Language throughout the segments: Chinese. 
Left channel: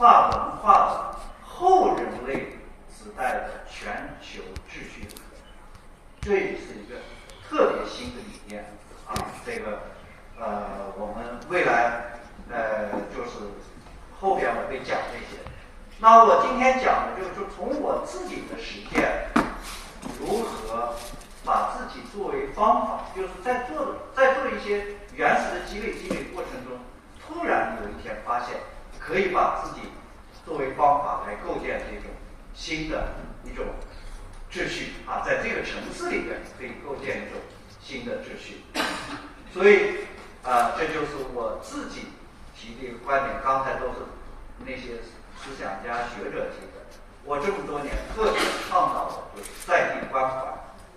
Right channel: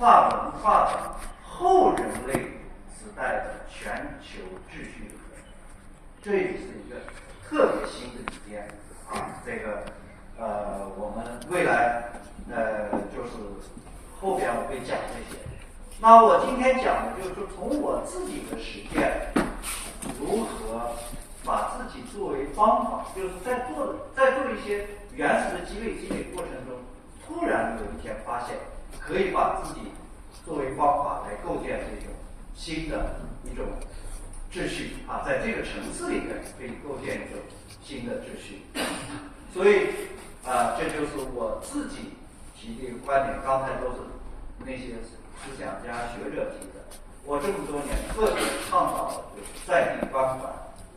跨文化的后人类时代的全球秩序的可能，这也是一个特别新的理念啊。这个我们未来就是后边我会讲这些。那我今天讲的就是说，从我自己的实践，如何把自己作为方法，就是在做一些原始的积累过程中，突然有一天发现可以把自己作为方法来构建这种新的一种秩序啊，在这个城市里面可以构建一种新的秩序。所以这就是我自己提的一个观点，刚才都是那些思想家学者提的。我这么多年特别倡导的就是在地关怀，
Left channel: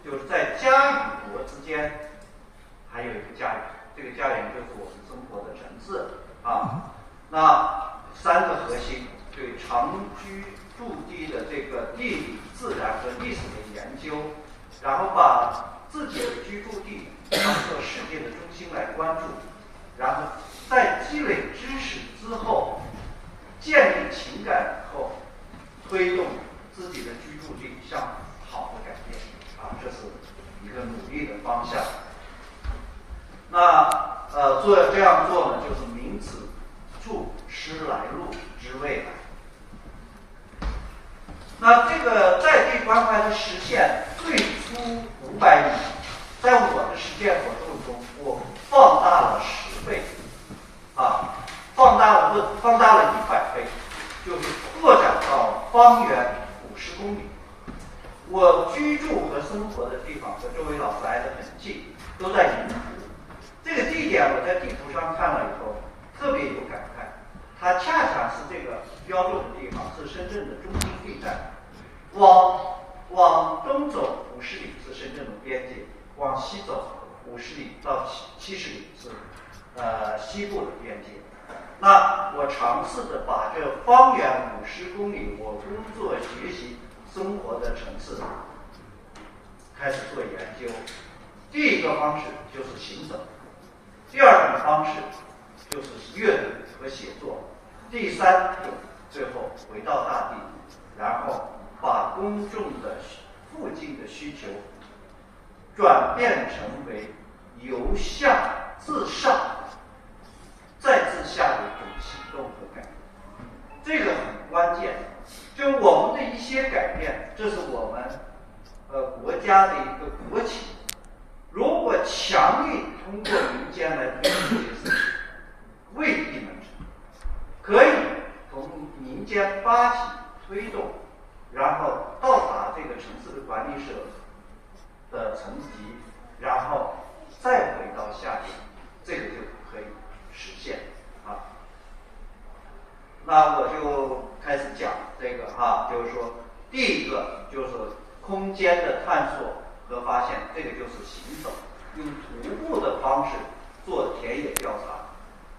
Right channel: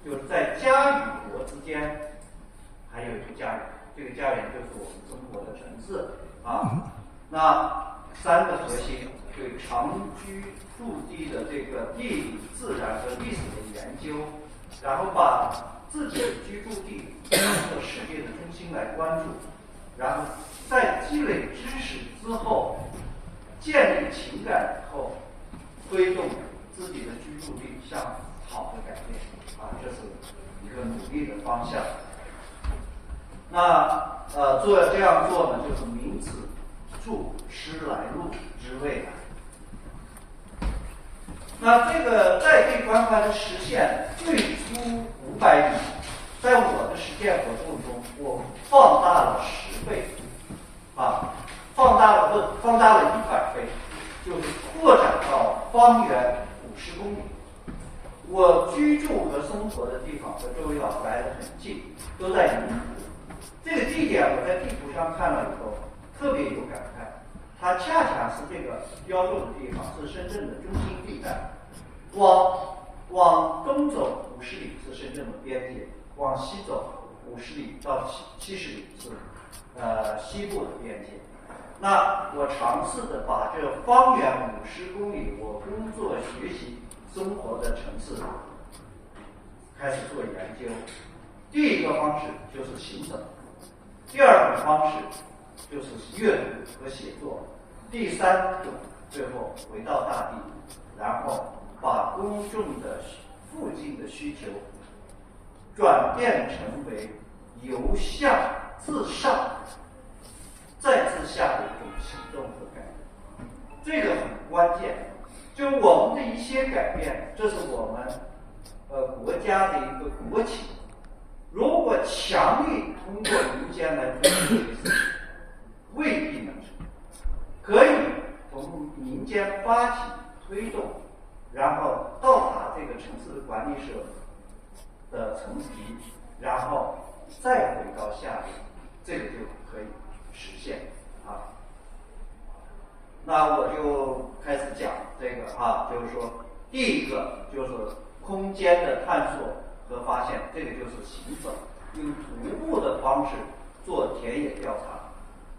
就是在家与国之间还有一个家园，这个家园就是我们生活的城市啊。那三个核心对长居驻地的这个地理、自然和历史的研究，然后把自己的居住地当做世界的中心来关注，然后在积累知识之后，建立情感以后，推动自己的居住地向好的改变啊，这是一个努力的方向。那这样做呢，就是明子注师来路之未来。那这个在地关怀的实现，最初500年，在我的实践活动中，我放大了10倍，啊，放大了100倍，就是扩展到方圆50公里。我居住和生活的地方和周围老师挨得很近，都在云湖。这个地点我在地图上看了以后，特别有感慨。它恰恰是这个标注的地方，是深圳的中心地带。往东走50里是深圳的边界，往西走50里到70里是西部的边界。那我尝试着把这方圆50公里我工作、学习、生活的城市开始做研究。第一个方式就是行走，第二种方式就是阅读和写作，第三种最后回到大地，然后把公众的附近的需求转变成为由下自上再自下的一种行动和改变。这个很关键，就我们的一些改变，这是我们国家的一个国情。如果强力通过民间来推动这些事情，未必能成。可以从民间发起推动，然后到达这个城市的管理者的层级，然后再回到下面，这个就可以实现啊。那我就开始讲这个就是说，第一个就是空间的探索和发现，这个就是行走，用徒步的方式做田野调查。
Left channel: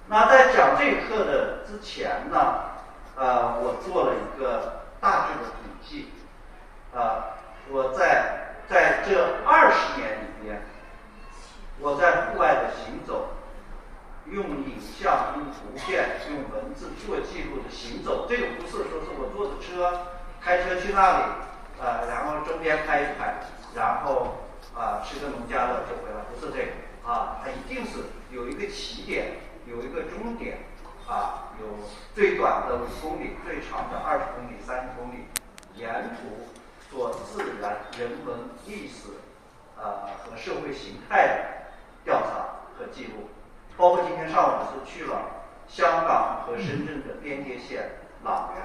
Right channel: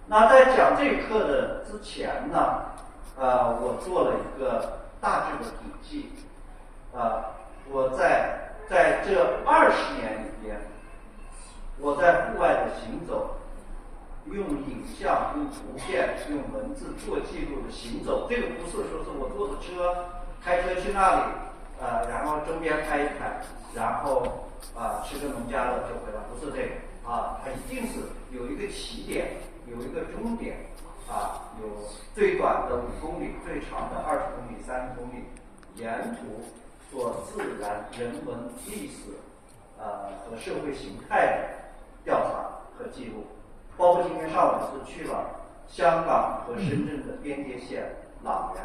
那在讲这课的之前呢，我做了一个大致的统计，我在这20年里边，我在户外的行走，用影像、用图片、用文字做记录的行走，这个不是说是我坐着车开车去那里，然后周边开一开，然后吃个农家乐就回来，不是这个它一定是有一个起点，有一个终点有最短的5公里，最长的20公里、30公里，沿途做自然、人文、历史和社会形态的调查和记录。包括今天上午是去了香港和深圳的边界线朗园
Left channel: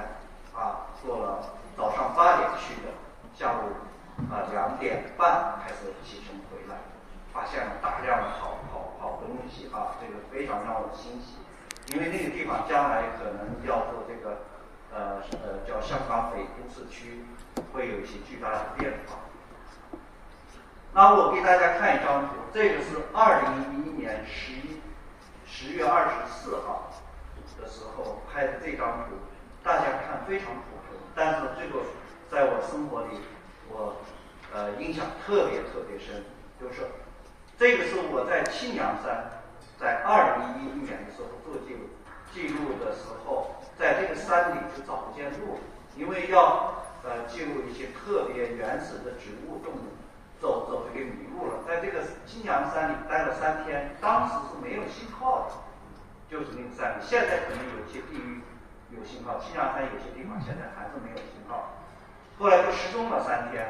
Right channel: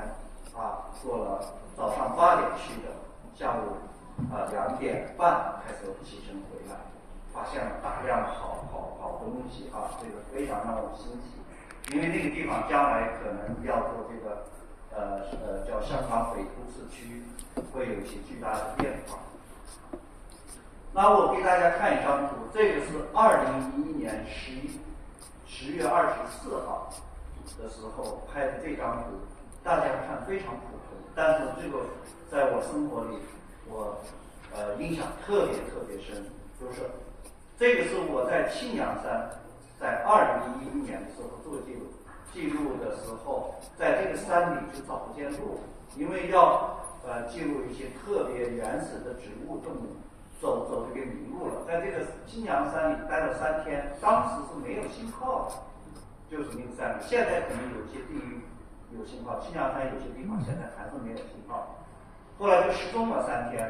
做了早上8点去的，下午2点半开始启程回来，发现了大量的好东西这个非常让我欣喜。因为那个地方将来可能要做这个叫香港北都市区，会有一些巨大的变化。那我给大家看一张图，这个是2011年10月24号的时候拍的这张图，大家看非常普通，但是这个在我生活里我印象特别深，就是这个是我在庆阳山在2011年的时候做记录的时候，在在这个山里就找不见路，因为要记录一些特别原始的植物动物，走就给迷路了。在这个金阳山里待了3天，当时是没有信号的，就是那个山里。现在可能有些地域有信号，金阳山有些地方现在还是没有信号。后来就失踪了3天，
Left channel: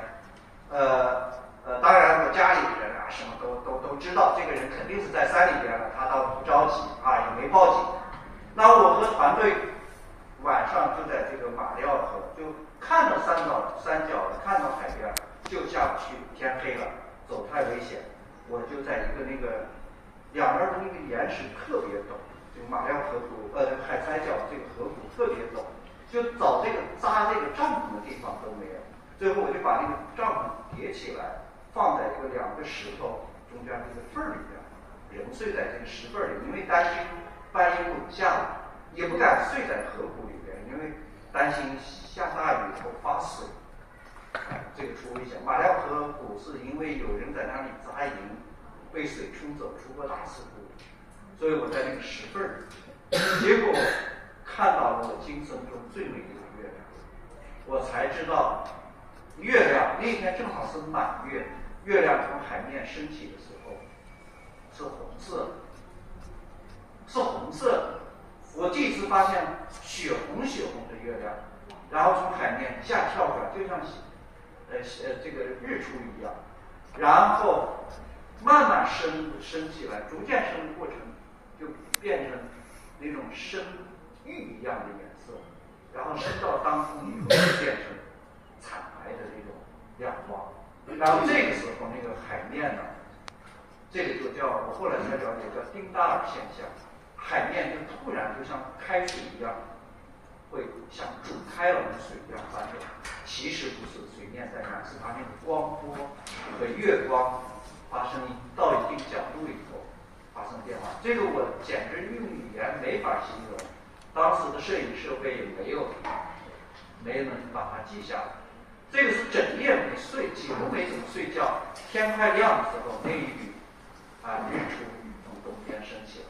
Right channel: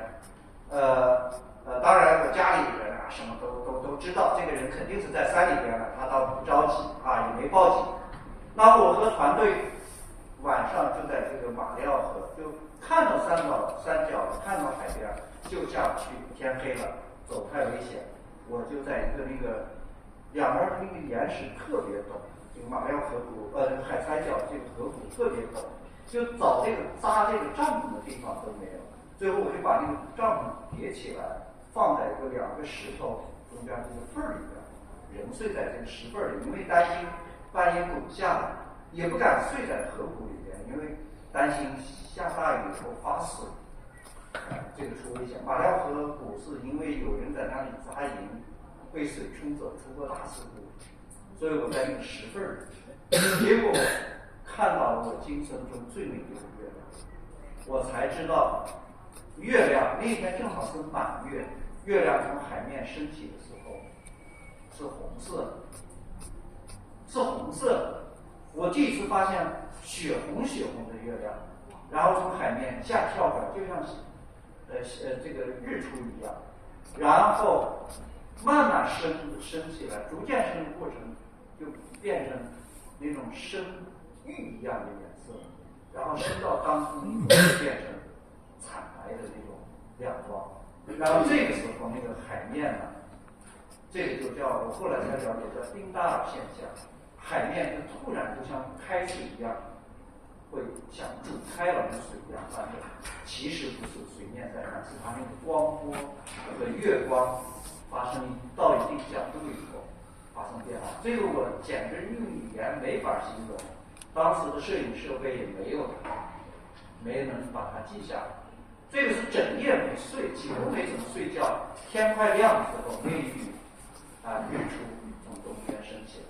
当然我家里人啊什么都知道，这个人肯定是在山里边了，他倒不着急啊，也没报警。那我和团队晚上就在这个马料河，就看到山脚看到海边，就下不去，天黑了，走太危险。我就在一个那个两边的那个岩石特别陡，这个马料河谷海塞角这个河谷特别陡，就找这个扎这个帐篷的地方都没有。最后我就把那个帐篷叠起来，放在2个石头中间这个缝里边，人睡在这个石缝里，因为担心半夜滚下来，也不敢睡在河谷里边，因为担心下大雨以后发水，这个出危险。马料河谷是因为有人在那里扎营，被水冲走，出过大事故，所以我在那个石缝里，结果看到了我今生中最美丽的月亮，我才知道月亮那天正好是满月，月亮从海面升起的时候是红色的，是红色的。我第一次发现血红的月亮，然后从海面下跳过来，就像这个日出一样，然后慢慢升起来，逐渐升的过程就变成那种深玉一样的颜色，然后升到当空以后就变成惨白的那种亮光。然后这个时候那个海面呢，这个就叫我后来才了解叫丁达尔现象，海面就突然就像开水一样，会像煮开了的水一样翻转。其实不是水面在那，是它那个光波和月光发生到一定角度以后发生变化。这个我简直用语言没法形容，当时的摄影设备也没能把它记下来。这个是整夜没睡，几乎没怎么睡觉。天快亮的时候，那一缕日出从东边升起来。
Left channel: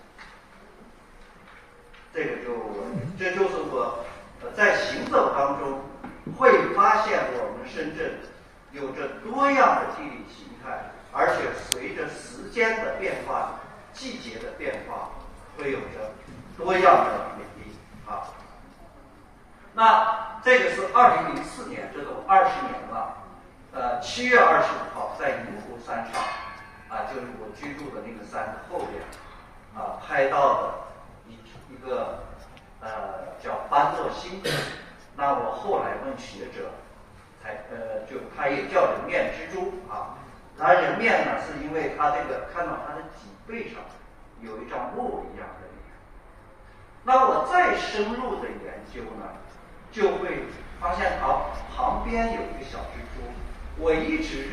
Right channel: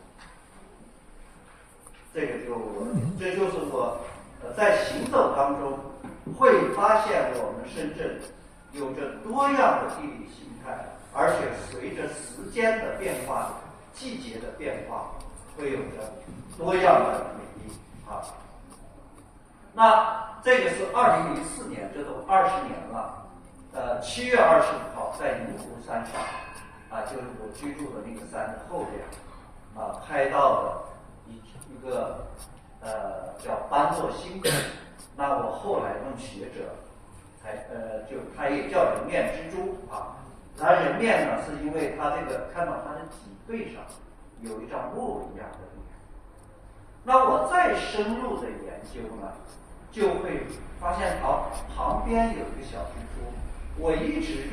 这就是我在行走当中会发现我们深圳有着多样的地理形态，而且随着时间的变化、季节的变化，会有着多样的美丽啊。那这个是2004年，这都20年了。7月25号在银湖山上就是我居住的那个山的后边拍到的一个叫班诺星云。那我后来问学者就它也叫人面蜘蛛它人面呢是因为它这个看到它的脊背上有一张木一样的脸。那我再深入的研究呢，就会发现它旁边有一个小蜘蛛。我一直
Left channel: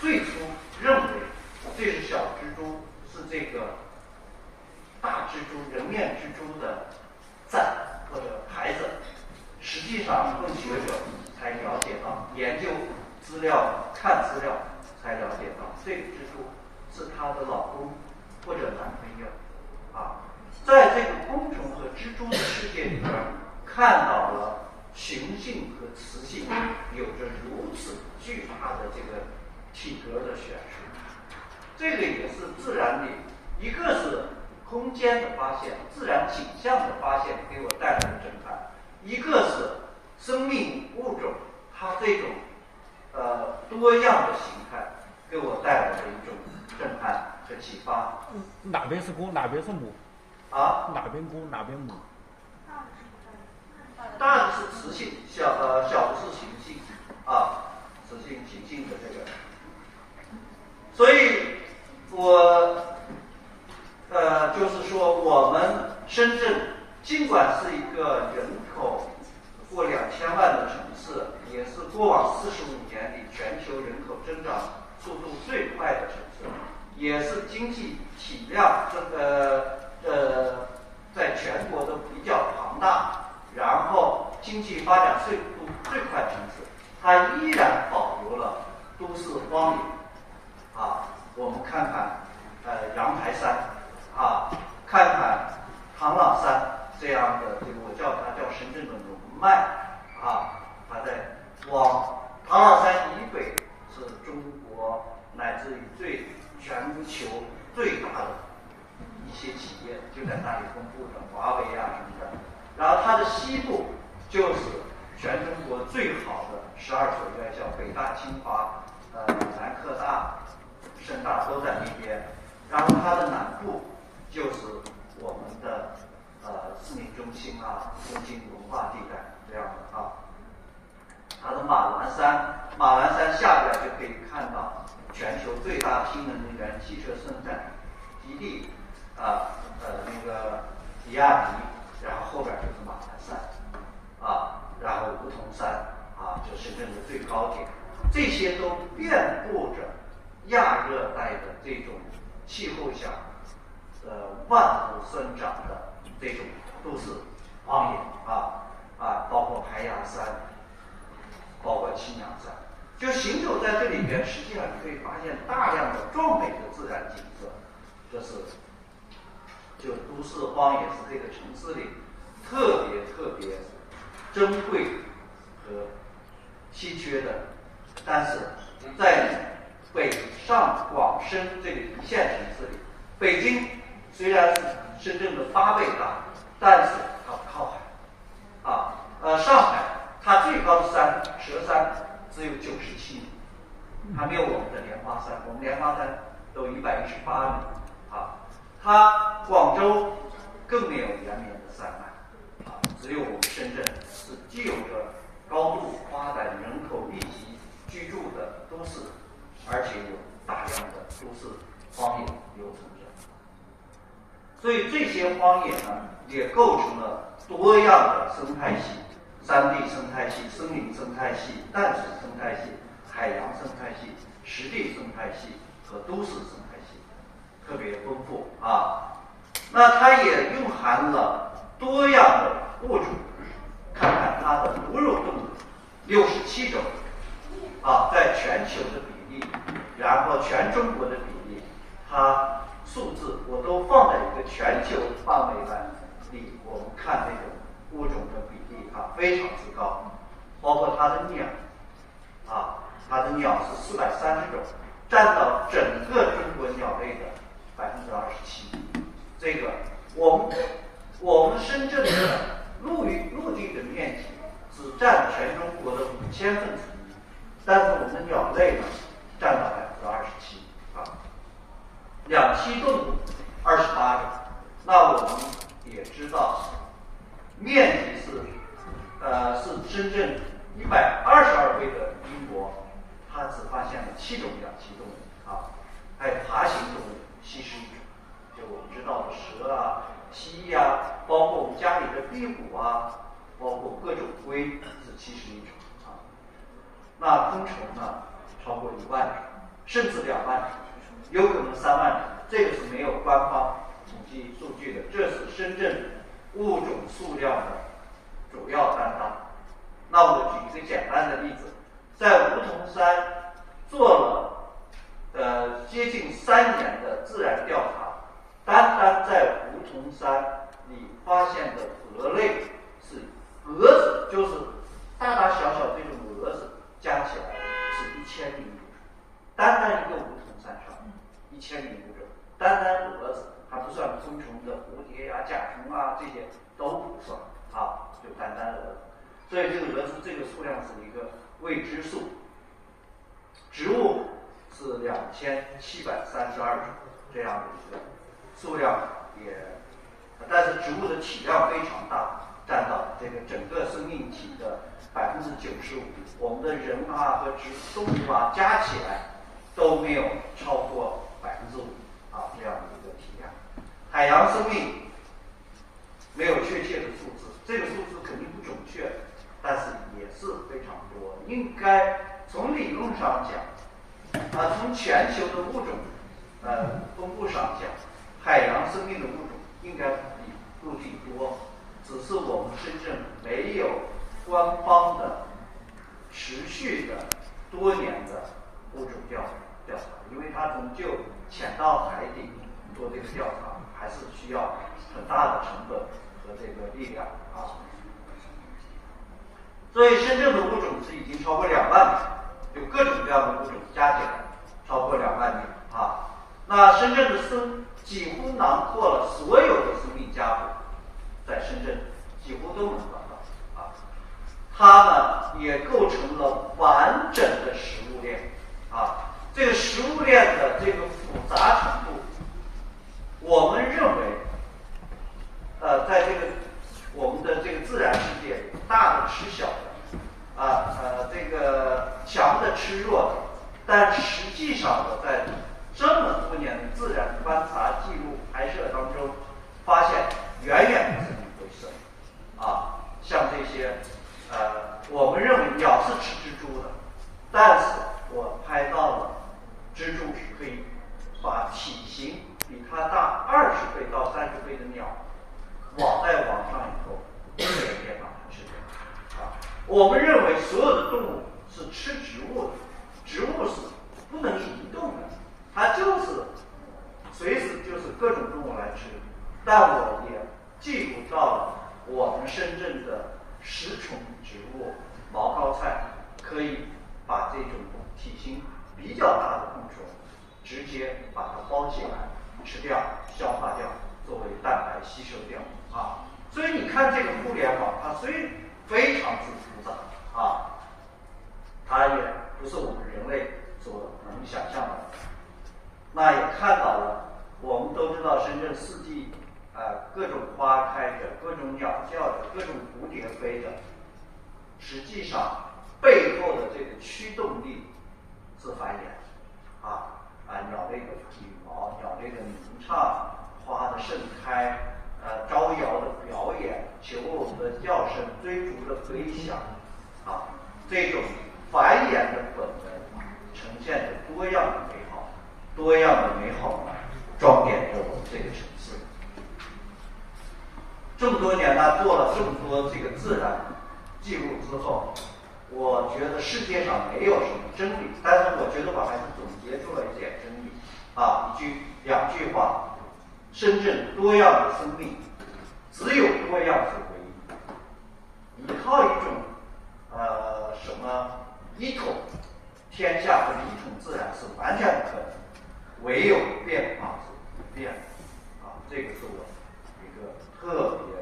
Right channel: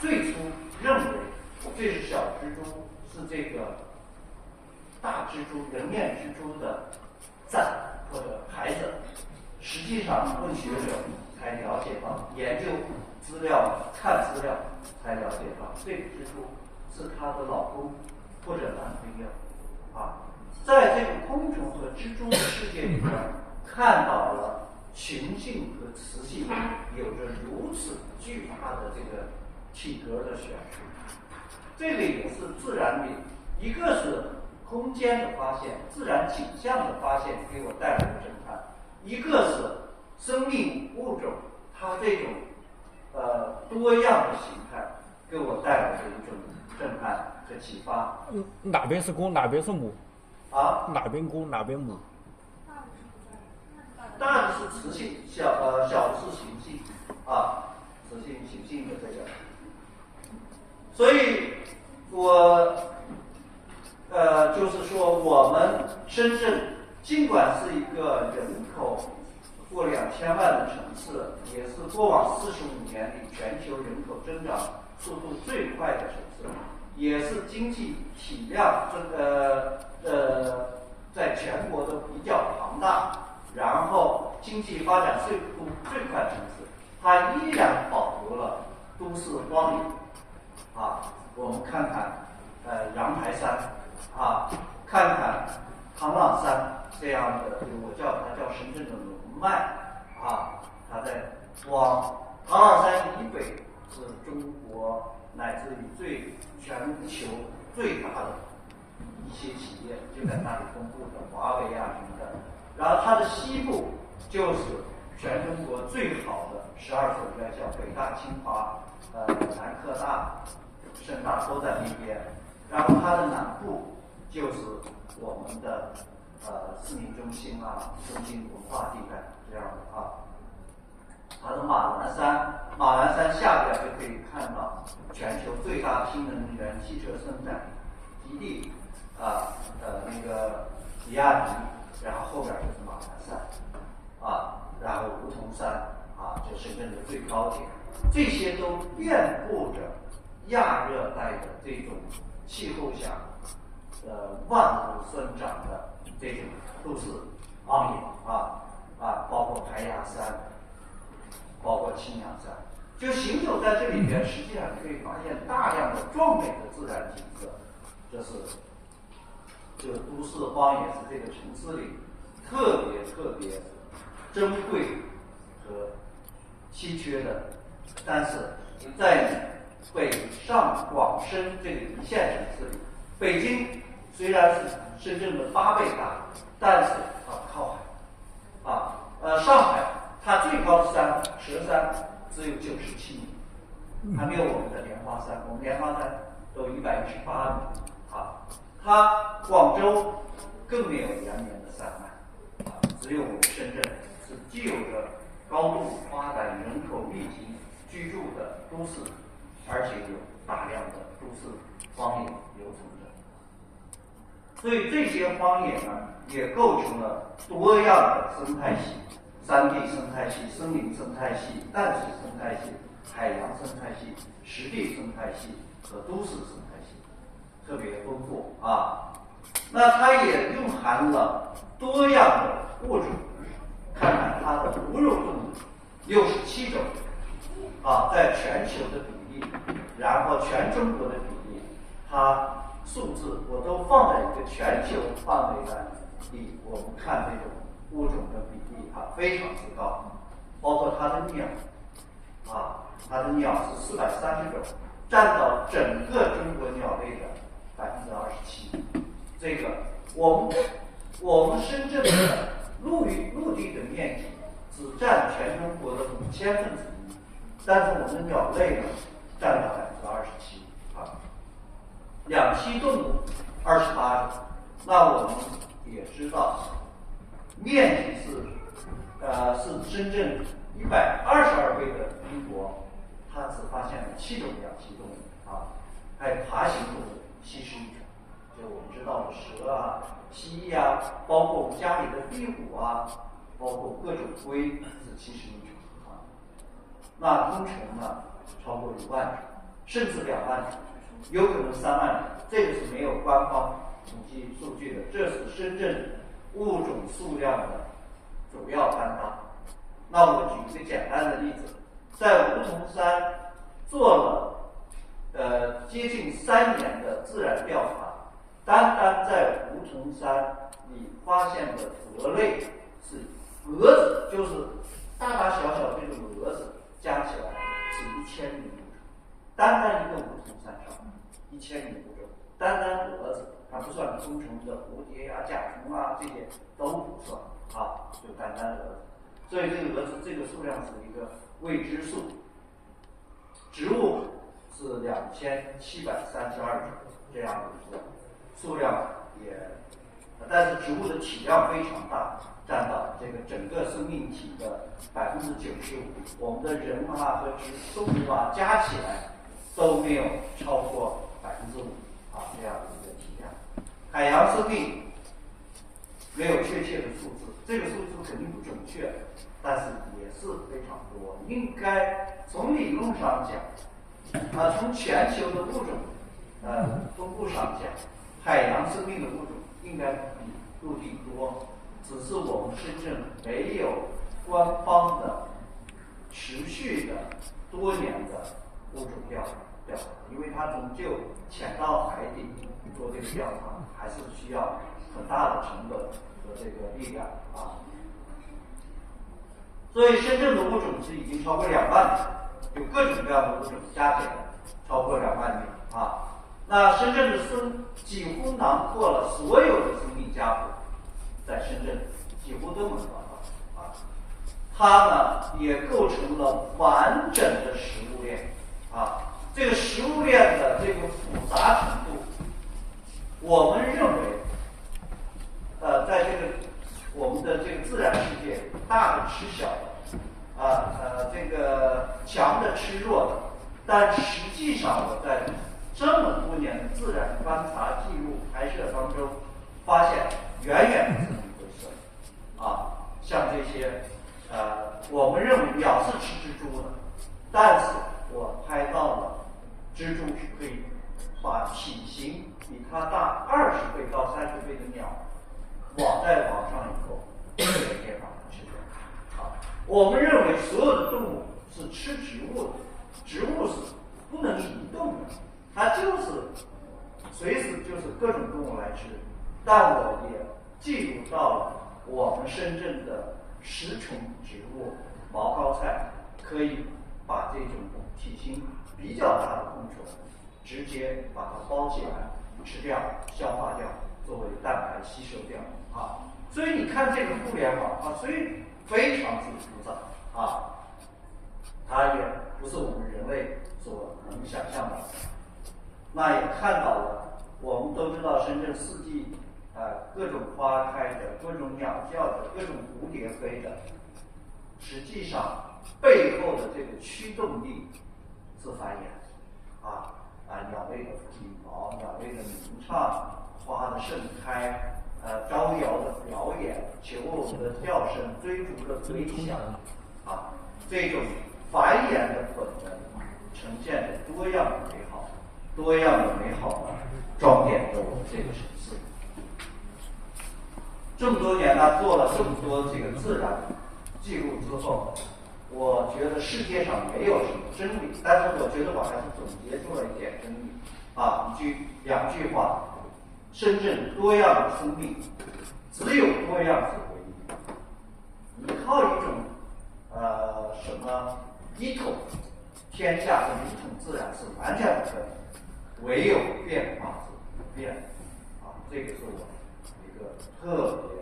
最初认为这是小蜘蛛，是这个大蜘蛛人面蜘蛛的崽或者孩子。实际上问学者才了解到，研究资料看资料才了解到，这个蜘蛛是她的老公或者男朋友在这个昆虫和蜘蛛的世界里边，看到了雄性和雌性有着如此巨大的这个体格的悬殊。这个也是自然里，一个是空间的发现，自然景象的发现给我带来的震撼，一个是生命物种它这种多样的形态给我带来的一种震撼和启发。哪边是公，哪边是母？哪边公，哪边母？大的是雌性，小的是雄性雌性雄性的这个。所以我就是说，我们深圳尽管是一个人口过2000万的城市，也是过往45年里全球人口增长速度最快的城市，也是经济体量在全国都比较庞大，然后经济发展速度最快的城市，它依然保留了都市光影我们看看阳台山看看唐朗山这样的深圳的龙脉啊，它在往唐老山以北是中国乃至于全球最大的一些企业就在那里分布的，华为啊什么的。然后它的西部就是全中国最好的12所院校，北大、清华、南科大、深大都在那边。然后它的南部就是我们的市民中心啊、中心文化地带这样的啊。它的马栏山下边就可以看到全球最大新能源汽车生产基地那个比亚迪，然后后边就是马栏山啊，然后梧桐山啊，这深圳的最高点，这些都遍布着亚热带的这种气候下万物生长的这种都市荒野包括排牙山，包括青羊山，就行走在这里边，实际上你可以发现大量的壮美的自然景色，这是就都市荒野是这个城市里特别珍贵和稀缺的。但是在北上广深这个一线城市里，北京虽然是深圳的8倍大，但是它不靠海上海它最高的山佘山只有97米，还没有我们的莲花山，我们莲花山都118米它广州更没有连绵的山脉只有我们深圳是既有着高度发展、人口密集居住的都市，而且有大量的都市荒野留存着。所以这些荒野呢，也构成了多样的生态系：山地生态系、森林生态系、淡水生态系、海洋生态系、湿地生态系和都市生态系，特别丰富那它也蕴含了多样的物种，看看它的哺乳动物67种在全球的比例，然后全中国的比例，它数字我都放在一个全球范围里，我们看这种物种的比例非常之高，包括它的鸟它的鸟是430种，占到整个中国鸟类的27%。这个我们深圳的陆地的面积只占全中国的5000分之一，但是我们的鸟类呢占到27%两栖动物28种。那我们也知道，面积是深圳122倍的英国，它只发现了7种两栖动物还有爬行动物71种，就我们知道的蛇蜥蜴包括我们家里的壁虎包括各种龟是71种那昆虫呢超过1万种，甚至2万种，有可能3万种，这个是没有官方统计数据的，这是深圳物种数量的主要担当。那我举一个简单的例子，在梧桐山做了接近3年的自然调查，单在梧桐山里发现的蛾类是蛾子，就是大大小小这种蛾子加起来是1000名物种，单一个梧桐山上1000名物种，单蛾子还不算昆虫的蝴蝶甲虫这些都不算就单蛾子。所以这个蛾子这个数量是一个未知数。植物是2732种，这样的一个数量但是植物的体量非常大，占到这个整个生命体的95%。我们的人和动物加起来都没有超过5%这样的一个体量。海洋生命没有确切的数字，这个数字肯定不准确，但是也是非常多。应该从理论上讲从全球的物种分布上讲，海洋生命的物种应该比陆地多，只是我们深圳没有官方的持续的多年的物种调查，因为它终究潜到海底做这个调查，还是需要很大的成本和这个力量所以深圳的物种是已经超过2万种，有各种各样的物种加起来超过2万种啊。那深圳的几乎囊括了所有的生命家谱，在深圳几乎都能找到啊。它呢也构成了完整的食物链啊。这个食物链的这个复杂程度，我们认为，在这个我们的这个自然世界里，大的吃小的，这个强的吃弱的，但实际上我在这么多年的自然观察、记录、拍摄当中，发现远远不是那么回事啊。像这些，我们认为鸟是吃蜘蛛的，但是我拍到了蜘蛛是可以把体型比它大20倍到30倍的鸟网在网上以后，一点把它吃掉啊。我们认为所有的动物是吃植物的，植物是不能移动的，它就是随时就是各种动物来吃。但我也记录到了我们深圳的食虫植物毛膏菜，可以把这种体型比较大的昆虫直接把它包起来吃掉、消化掉，作为蛋白吸收掉啊。所以你看这个互联网啊，所以非常之复杂啊，它也不是我们人类所能想象的。那也看到了，我们都知道深圳四季各种花开的，各种鸟叫的，各种蝴蝶飞的，实际上背后的这个驱动力是繁衍鸟类的羽毛、鸟类的鸣唱、花的盛开、招摇的表演、求偶的叫声、追逐的飞翔这种繁衍的本能呈现着多样的美好，多样的美好呢，装点着我们这个城市。这么多年呢，做了这么多这个自然记录之后，我觉得世界上没有什么真理，但是我觉得我还是总结出了一点真理2句话：深圳多样的生命，只有多样是唯一。依靠一种什么一统天下和一统自然是完全不可能，唯有变化是不变这个是我一个特别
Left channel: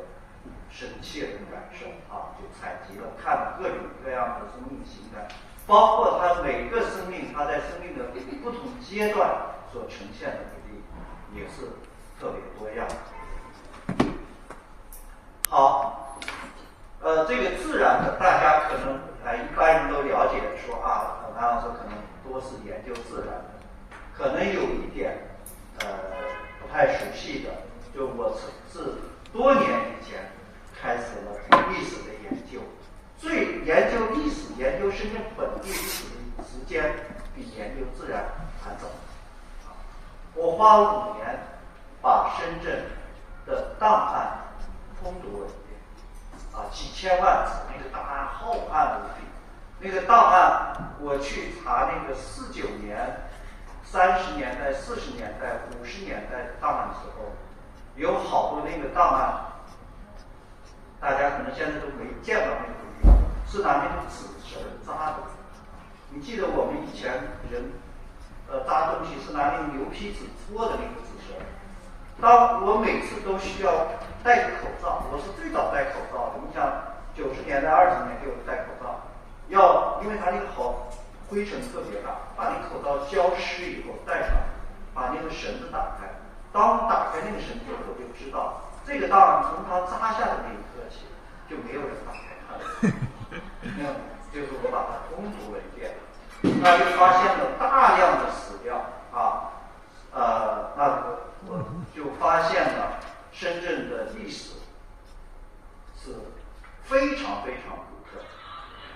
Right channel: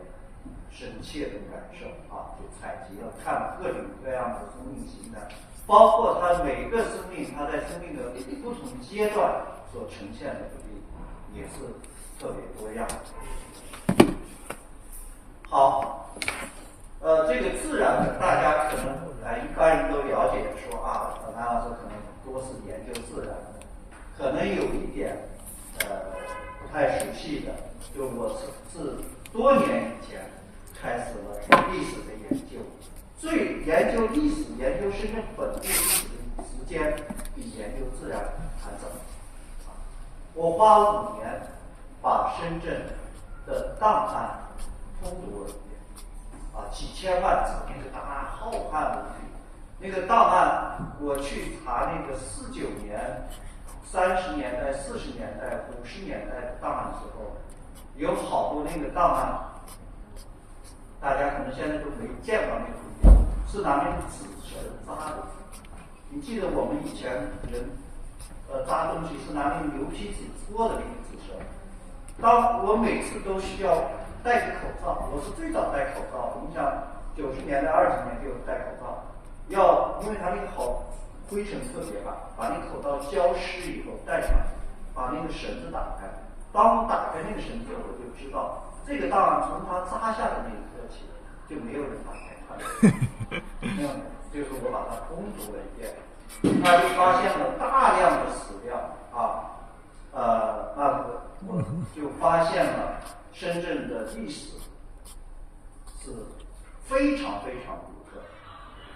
深切的感受就采集了看了各种各样的生命形态，包括它每个生命它在生命的不同阶段所呈现的比例也是特别多样。好，这个自然的大家可能一般人都了解说南老师可能多是研究自然的，可能有一点不太熟悉的，就我是多年以前开始了历史的研究，最研究历史、研究深圳本地历史的时间比研究自然还早。我花5年把深圳的档案通读了一遍几千万字，那个档案浩瀚无比。那个档案我去查那个49年、30年代、40年代、50年代的档案的时候，有好多那个档案，大家可能现在都没见到那个东西，是拿那个纸绳扎的。你记得我们以前人扎东西是拿那个牛皮纸搓的那个纸绳。当我每次都需要戴个口罩，我是最早戴口罩的。你想90年代、20年就戴口罩，因为它那个灰尘特别大，把那口罩浇湿以后戴上，把那个绳子打开。当打开那个绳子，我就知道这个档案从它扎下的那一刻起，就没有人打开它了。就是我把它通读了一遍，那就发现了大量的史料那我就发现了深圳的历史是非常非常独特。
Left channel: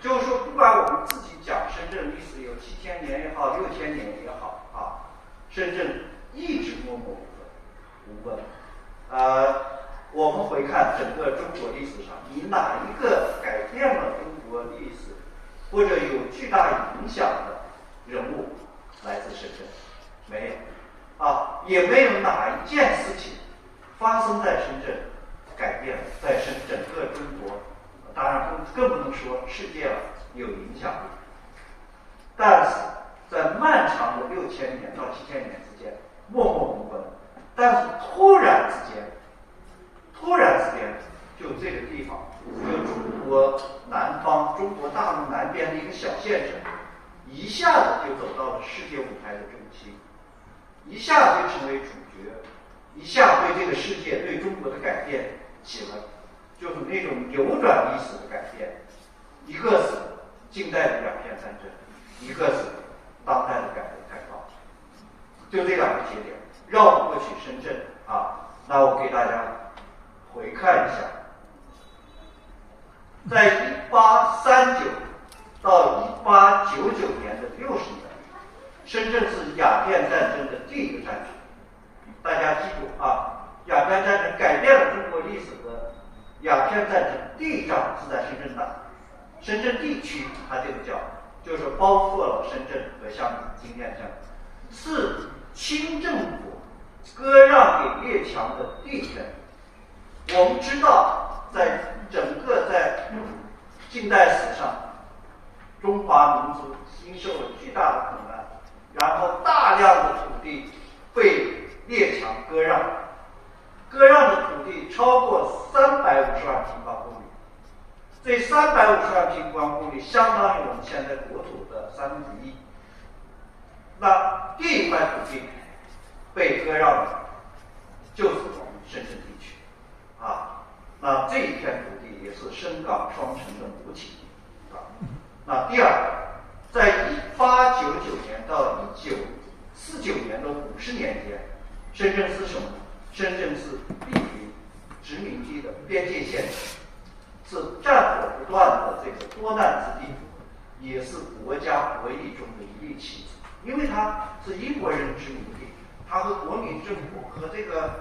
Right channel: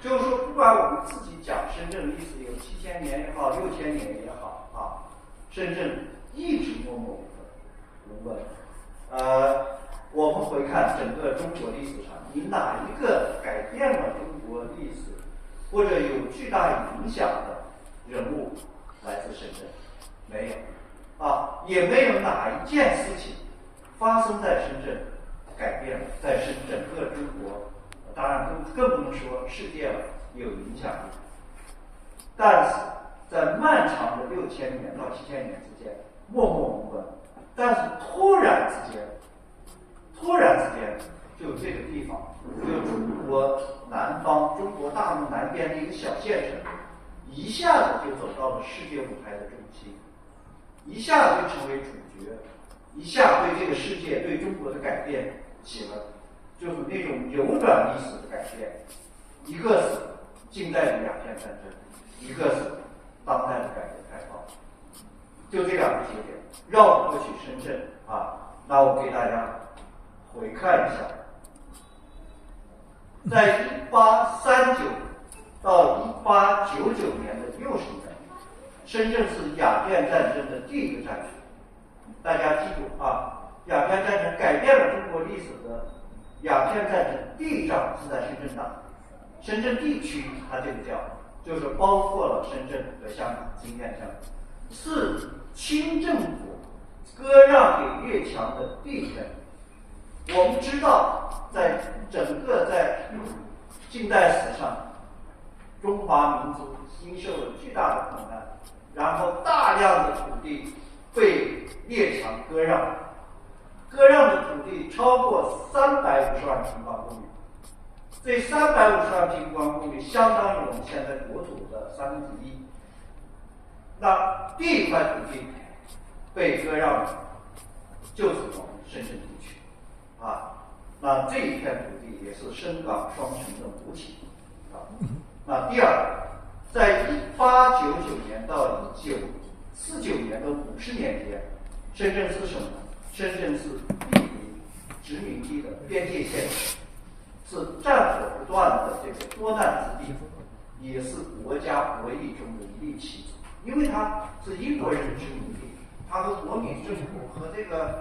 就是说，不管我们自己讲深圳历史有7000年也好，6000年也好深圳一直默默无闻。我们回看整个中国历史上，你哪一个改变了中国历史或者有巨大影响的人物来自深圳？没有也没有哪一件事情发生在深圳改变了在整个中国当然更不能说世界了有影响力。但是在漫长的6000年到7000年之间默默无闻，但是突然之间就这个地方，就中国南方、中国大陆南边的一个小县城，一下子就走到了世界舞台的中心，一下就成为主角，一下对这个世界、对中国的改变起了就是那种扭转历史的改变。一个是近代的两片战争，一个是当代的改革开放，就这两个节点绕过去深圳啊。那我给大家回看一下，在1839到1899年的60年，深圳是鸦片战争的第一个战区。大家记住啊，鸦片战争改变了中国历史的鸦片战争第一仗是在深圳打的。深圳地区它这个叫就是包括了深圳和香港、金边香港，是清政府割让给列强的第一天。我们知道，在整个在近代史上，中华民族经受了巨大的苦难，然后大量的土地被列强割让，割让的土地超过350万平方公里。这350万平方公里相当于我们现在国土的1/3。那第一块土地被割让的就是我们深圳地区啊。那这一片土地也是深港双城的母体啊。那第二，在1899年到1949年的50年间，深圳是什么？深圳是地理殖民地的边界线，是战火不断的这个多难之地，也是国家博弈中的一粒棋子。因为它是英国人的殖民地，它和国民政府和这个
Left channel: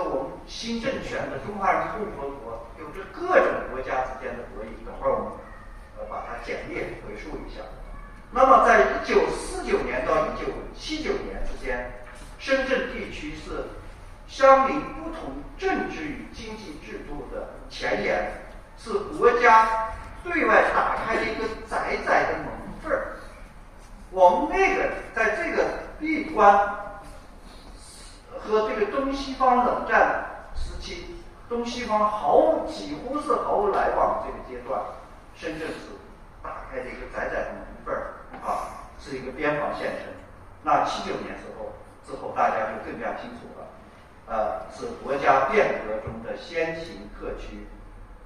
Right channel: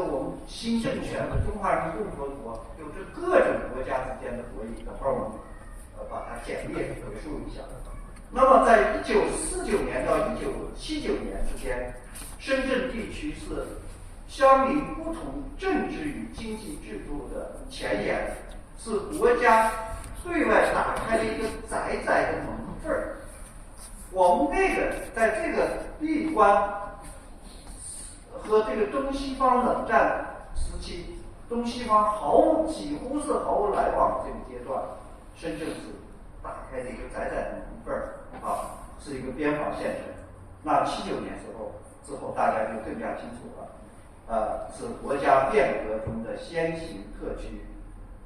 我们新政权的中华人民共和国有着各种国家之间的博弈。等会儿我们把它简略回述一下。那么在1949年到1979年之间，深圳地区是相邻不同政治与经济制度的前沿，是国家对外打开了一个窄窄的门缝儿。我们在这个闭关和这个东西方冷战时期，东西方几乎是毫无来往的这个阶段，深圳是打开了一个窄窄的门缝儿啊，是一个边防县城。那79年之后，大家就更加清楚了，是国家变革中的先行特区，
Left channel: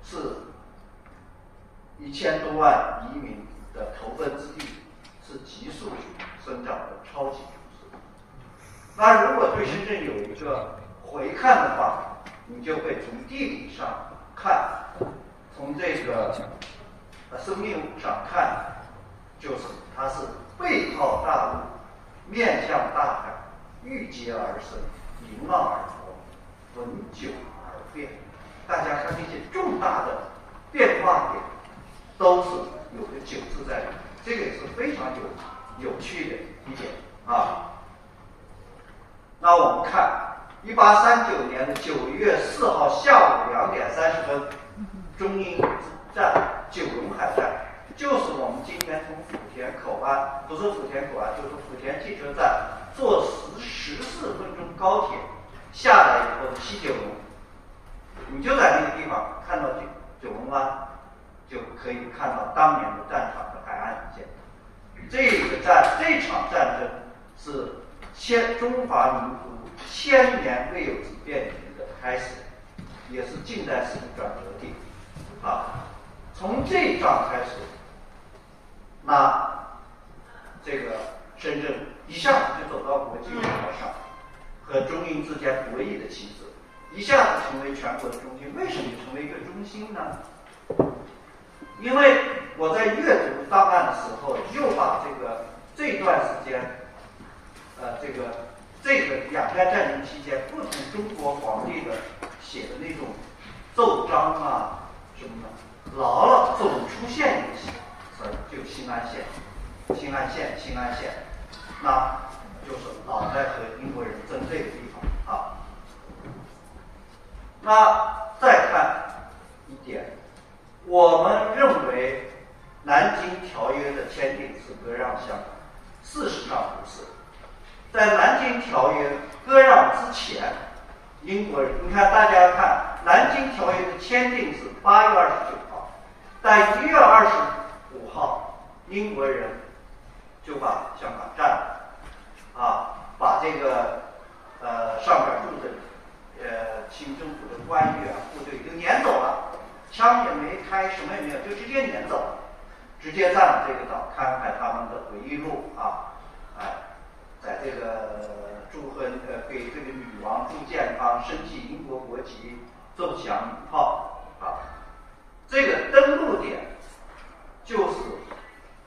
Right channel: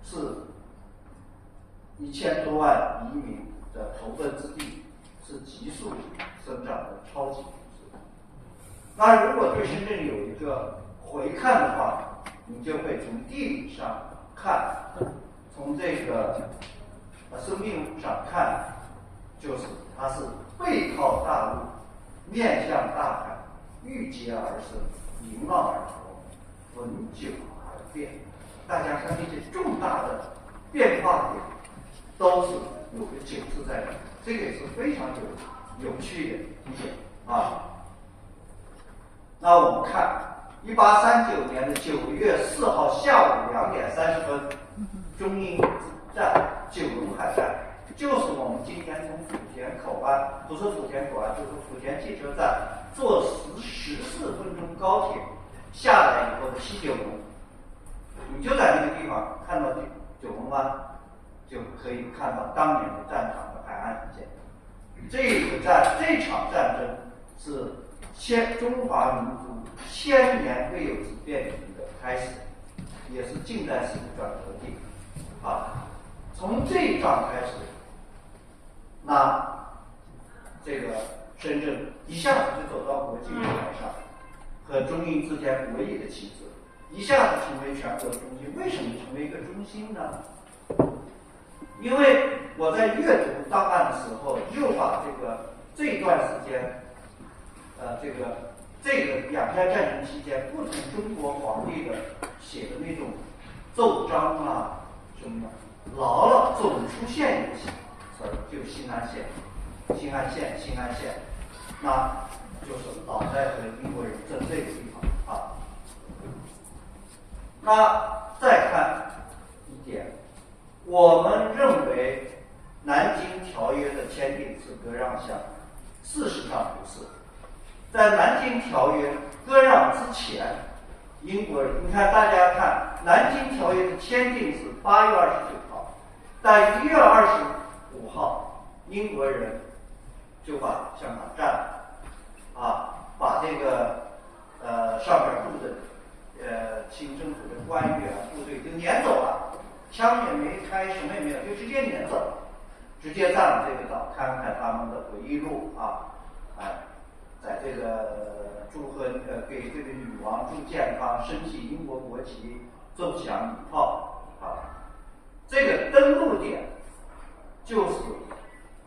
是1000多万移民的投奔之地，是急速生长的超级都市。那如果对深圳有一个回看的话，你就会从地理上看，从这个生命上看，就是它是背靠大陆，面向大海，御阶而生，迎浪而活，闻久而变。大家看那些重大的变化点，都是有个9字在里面，这个也是非常有趣的一点啊。那我们看1839年的9月4号下午2点30分，中英之战九龙海战，就是我们今天从莆田口岸，不是莆田口岸，就是莆田汽车站坐14分钟高铁下来以后的西九龙，你就在那个地方看到九龙湾，就可以看到当年的战场的海岸一线。这场战争是中华民族1000年未有之变局的开始，也是近代史的转折点啊。从这一仗开始，那这个深圳一下子就走到国际舞台上，和中英之间博弈的棋子，一下子成为全国的中心。为什么成为一个中心呢？因为我在阅读档案的时候，又把这段时间，这个鸦片战争期间不同中国皇帝的写的那种奏章啊什么的，老总出现一个词儿，就新安县，那就是老在和英国人争这个地方啊。那再看一点，我们认为南京条约的签订是割让香港，事实上不是。在南京条约割让之前，英国人，你看大家看南京条约的签订是8月29号，在1月25号，英国人就把香港占了，把这个上边住的清政府的官员部队就撵走了，枪也没开，什么也没有，就直接撵走了，直接占了这个岛。看看他们的回忆录在这个祝贺给这个女王祝健康，升起英国国旗，奏响礼炮这个登陆点就是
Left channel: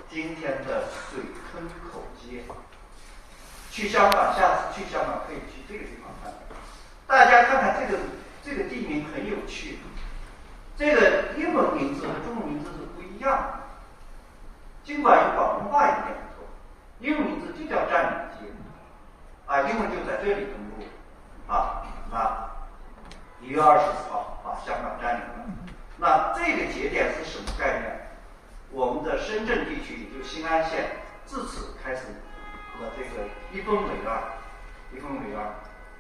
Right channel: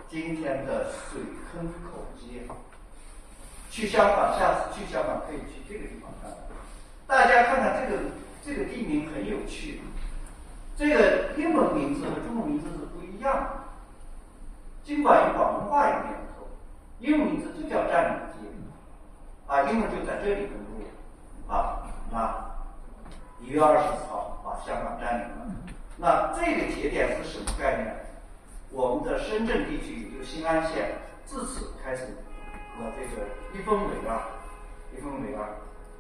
今天的水坑口街。去香港，下次去香港可以去这个地方看。大家看看这个地名很有趣，这个英文名字和中文名字是不一样的，尽管有广东话有念头，英文名字就叫占领街英文就在这里登陆那1月24号把香港占领了。那这个节点是什么概念？我们的深圳地区，也就是新安县，自此开始和这个一分为二，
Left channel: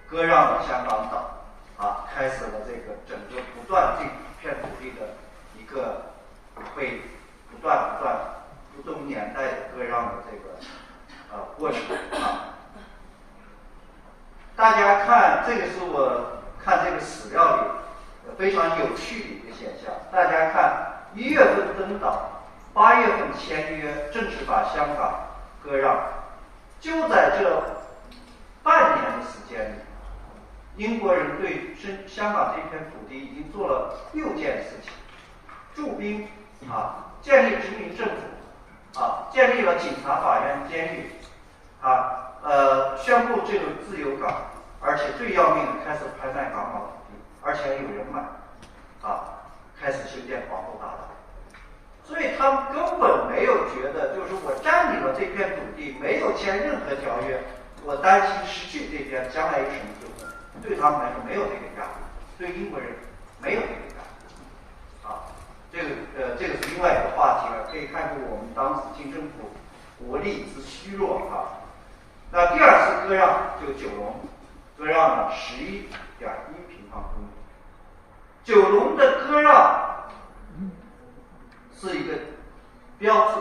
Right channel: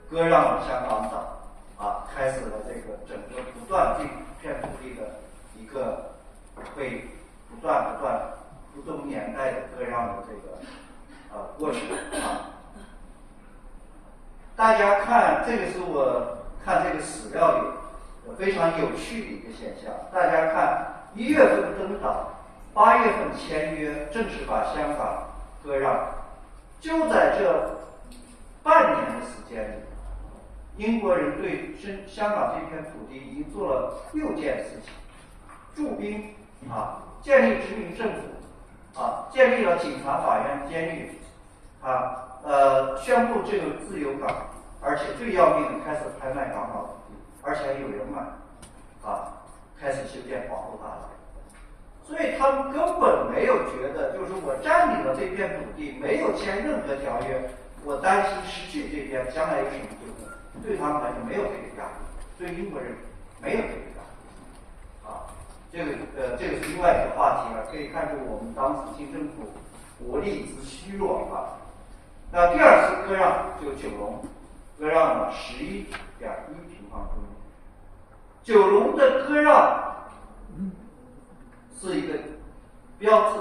割让了香港岛开始了这个整个不断这片土地的一个被不断不同年代的割让的这个过程大家看，这个是我看这个史料里非常有趣的一个现象。大家看1月份登岛，8月份签约，正式把香港割让。就在这半年的时间里，英国人对香港这片土地已经做了6件事情：驻兵建立殖民政府建立了警察、法院、监狱宣布这个自由港，而且最要命的开始拍卖港岛土地，而且还有人买开始修建皇后大道。所以他们根本没有觉得，就是我占领了这片土地，没有签任何条约，我担心失去这边将来有什么纠纷，对他们来说没有这个压力，对英国人没有这个压力这个是另外一个话题了，可以看出我们当时清政府国力之虚弱那第二次割让就九龙，割让了11.1平方公里。九龙的割让是一个标志，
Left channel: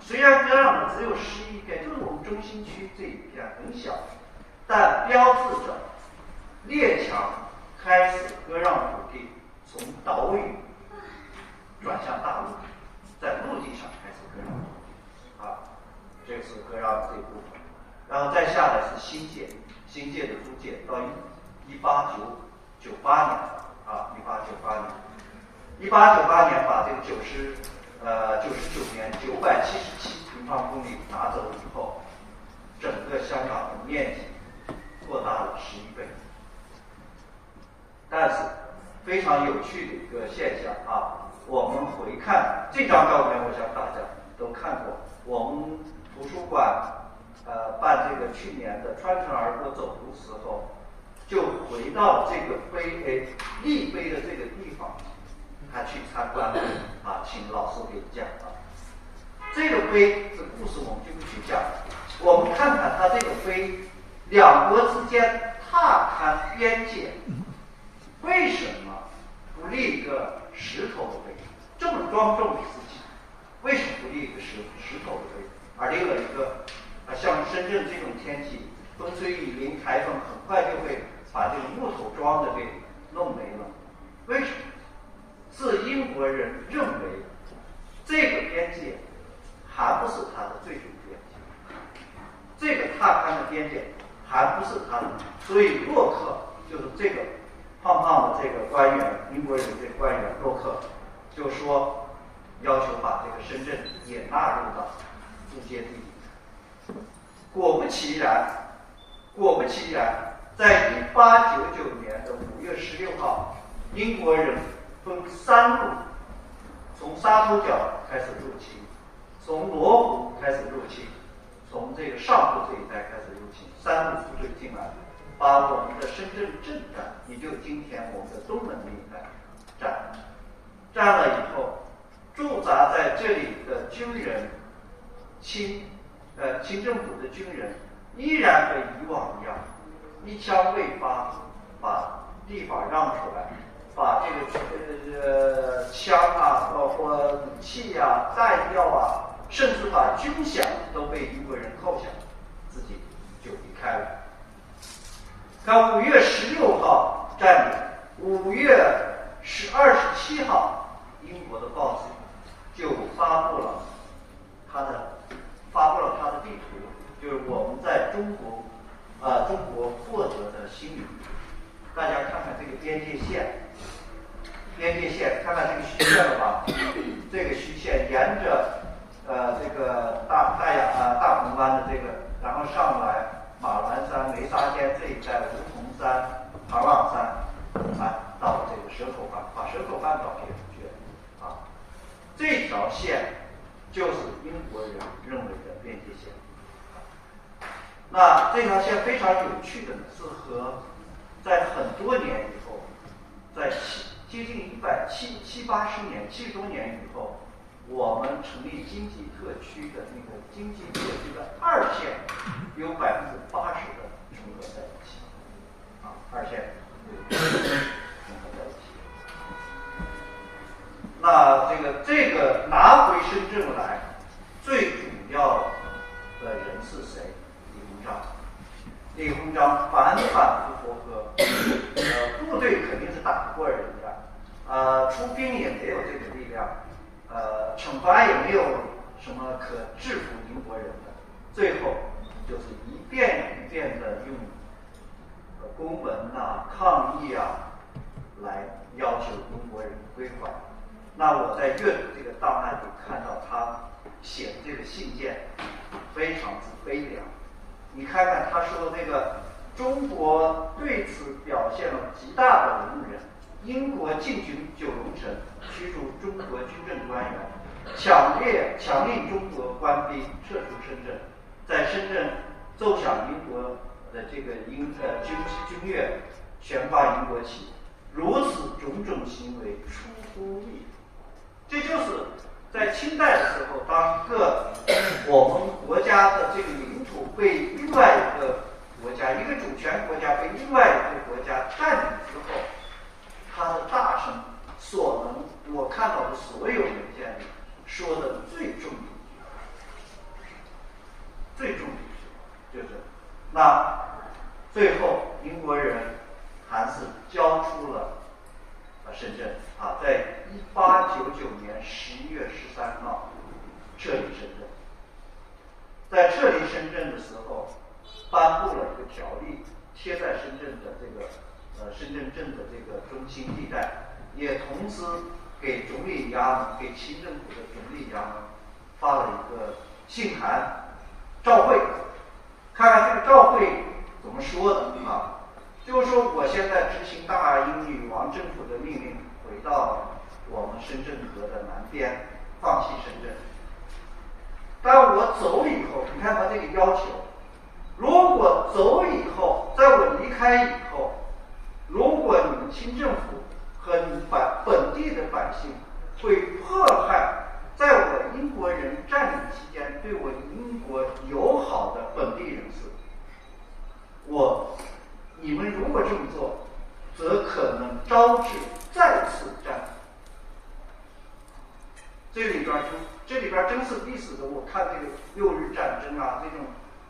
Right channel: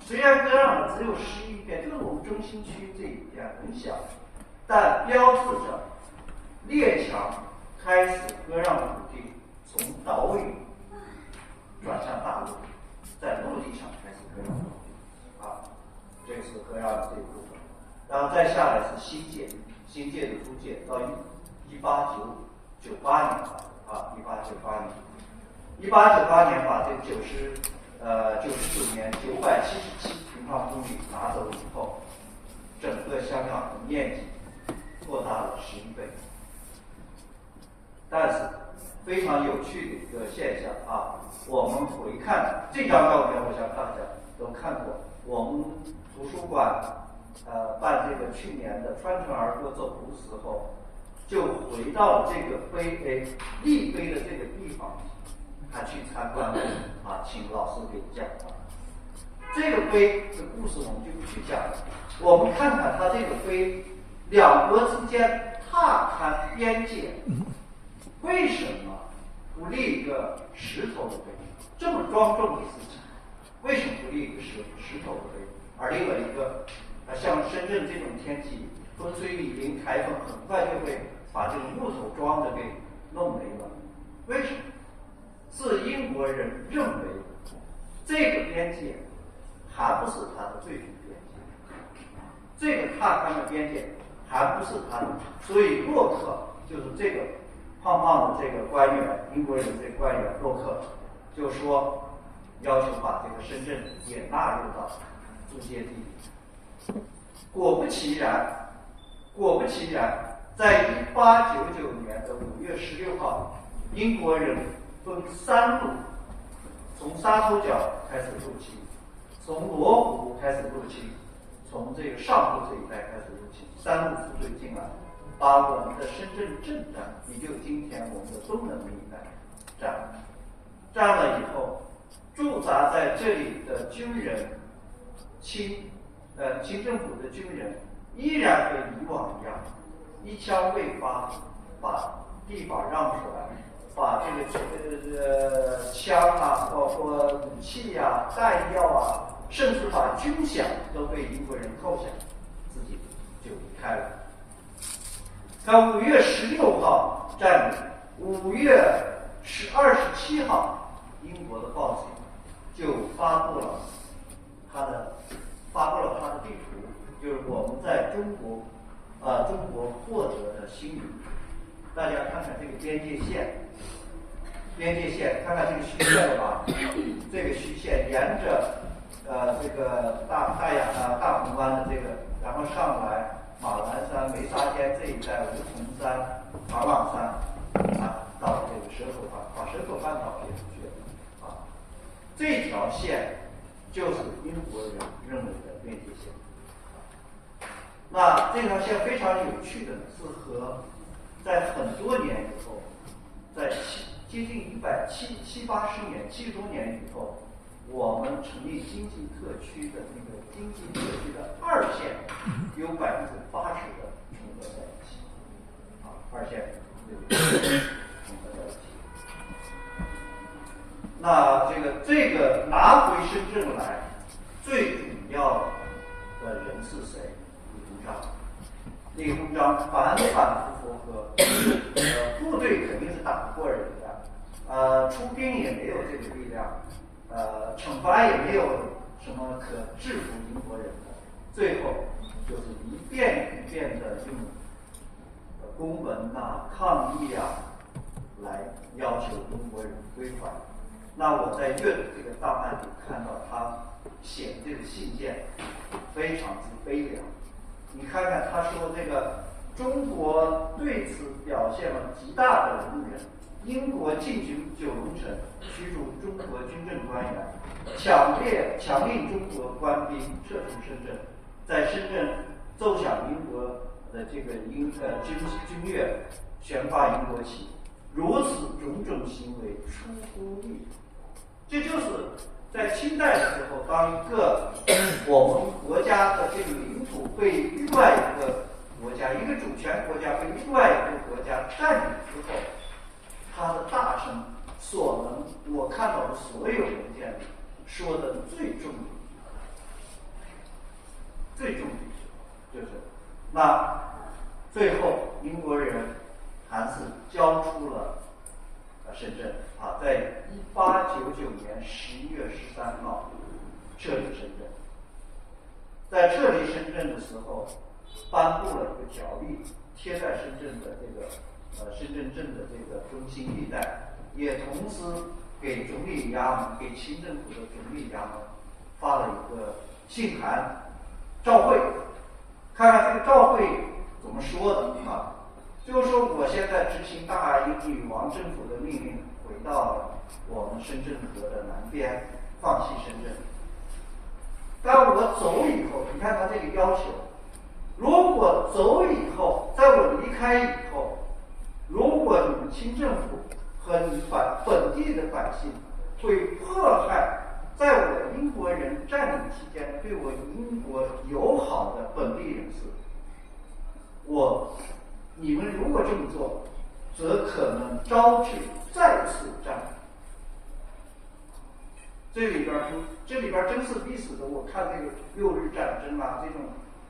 虽然割让的只有11片，就是我们中心区这一片很小，但标志着列强开始割让土地从岛屿转向大陆，在陆地上开始割让土地这是割让的这一部分。然后再下来是新界的租界，到1898年1898年把这个99年977平方公里拿走以后，整个香港的面积扩大了11倍。但是非常有趣的一个现象我们回看这张照片，我想大家都看过。我们图书馆办这个去年的穿城而过走读时候，就回到这个立碑的这个地方，他去参观请老师给讲这个碑的故事我们就不去讲了。我们看看他这个碑，两国之间踏勘边界，为什么不立一个石头的碑？这么庄重的事情，为什么不立一个石头的碑，而立了一个像深圳这种天气，风吹雨淋，台风很快就会把这个木头桩的给弄没了？为什么？是英国人认为这个边界还不是他的最终边界，这个踏勘的边界还不是他的，所以洛克就是这个胖胖的这个官员，英国人这个官员洛克就说要求把这个深圳也纳入到租界地。果不其然，在1899年的5月16号，英国人分3路从沙头角开始入侵，从罗湖开始入侵，从这个上铺这一带开始入侵，3路部队进来，把我们的深圳镇站，也就是今天我们的东门那一带占了以后，驻扎在这里的军人，清政府的军人依然和以往一样，一枪未发，把地方让出来，把这个枪啊，包括武器啊、弹药啊，甚至把军饷都被英国人扣下，自己就离开了。看5月16号占领，5月27号，英国的报纸就发布了他的地图，就是我们在中国获得的新领土。大家看看这个边界线，看看这个虚线了吧？这个虚线沿着这个大鹏湾的这个，然后上来马峦山、梅沙尖这一带，梧桐山、唐朗山，到了这个蛇口半，把蛇口半岛撇出去了啊。这条线就是英国人认为的边界线。那这条线非常有趣的呢，是和在很多年以后，在接近70、80年、70多年以后，我们成立经济特区的那个经济特区的2线有80%的重合在一起，2线有重合在一起。那这个拿回深圳来，最主要的人是谁？李鸿章反反复复和部队肯定是打不过人的，出兵也没有这个力量，惩罚也没有什么可制服英国人的，最后就是一遍一遍的用公文抗议来要求英国人归还。那我在阅读这个档案里看到他写的这个信件非常之悲凉。你看看他说这个中国对此表现了极大的容忍，英国进军九龙城，驱逐中国军政官员，强令中国官兵撤出深圳，在深圳奏响英国的这个军乐，悬挂英国旗，如此种种行为出乎意料。这就是在清代的时候，当一个我们国家的这个领土被另外一个国家，一个主权国家被另外一个国家占领之后，他的大臣我看到的所有文件里说的最重的就是那最后英国人还是交出了深圳在1899年11月13号撤离深圳。在撤离深圳的时候，颁布了一个条例，贴在深圳的这个深圳镇的这个中心地带，也同时给总理衙门、给清政府的总理衙门发了一个信函照会。看看这个照会怎么说的就是说我现在执行大英女王政府的命令，回到我们深圳河的南边，放弃深圳。当我走以后，你看他这个要求，如果走以后，在我离开以后，如果你们清政府和你本地的百姓会迫害在我英国人占领期间对我英国友好的本地人士，你们如果这么做，则可能招致再次战争。这里边真是历史的，我看这个6日战争这种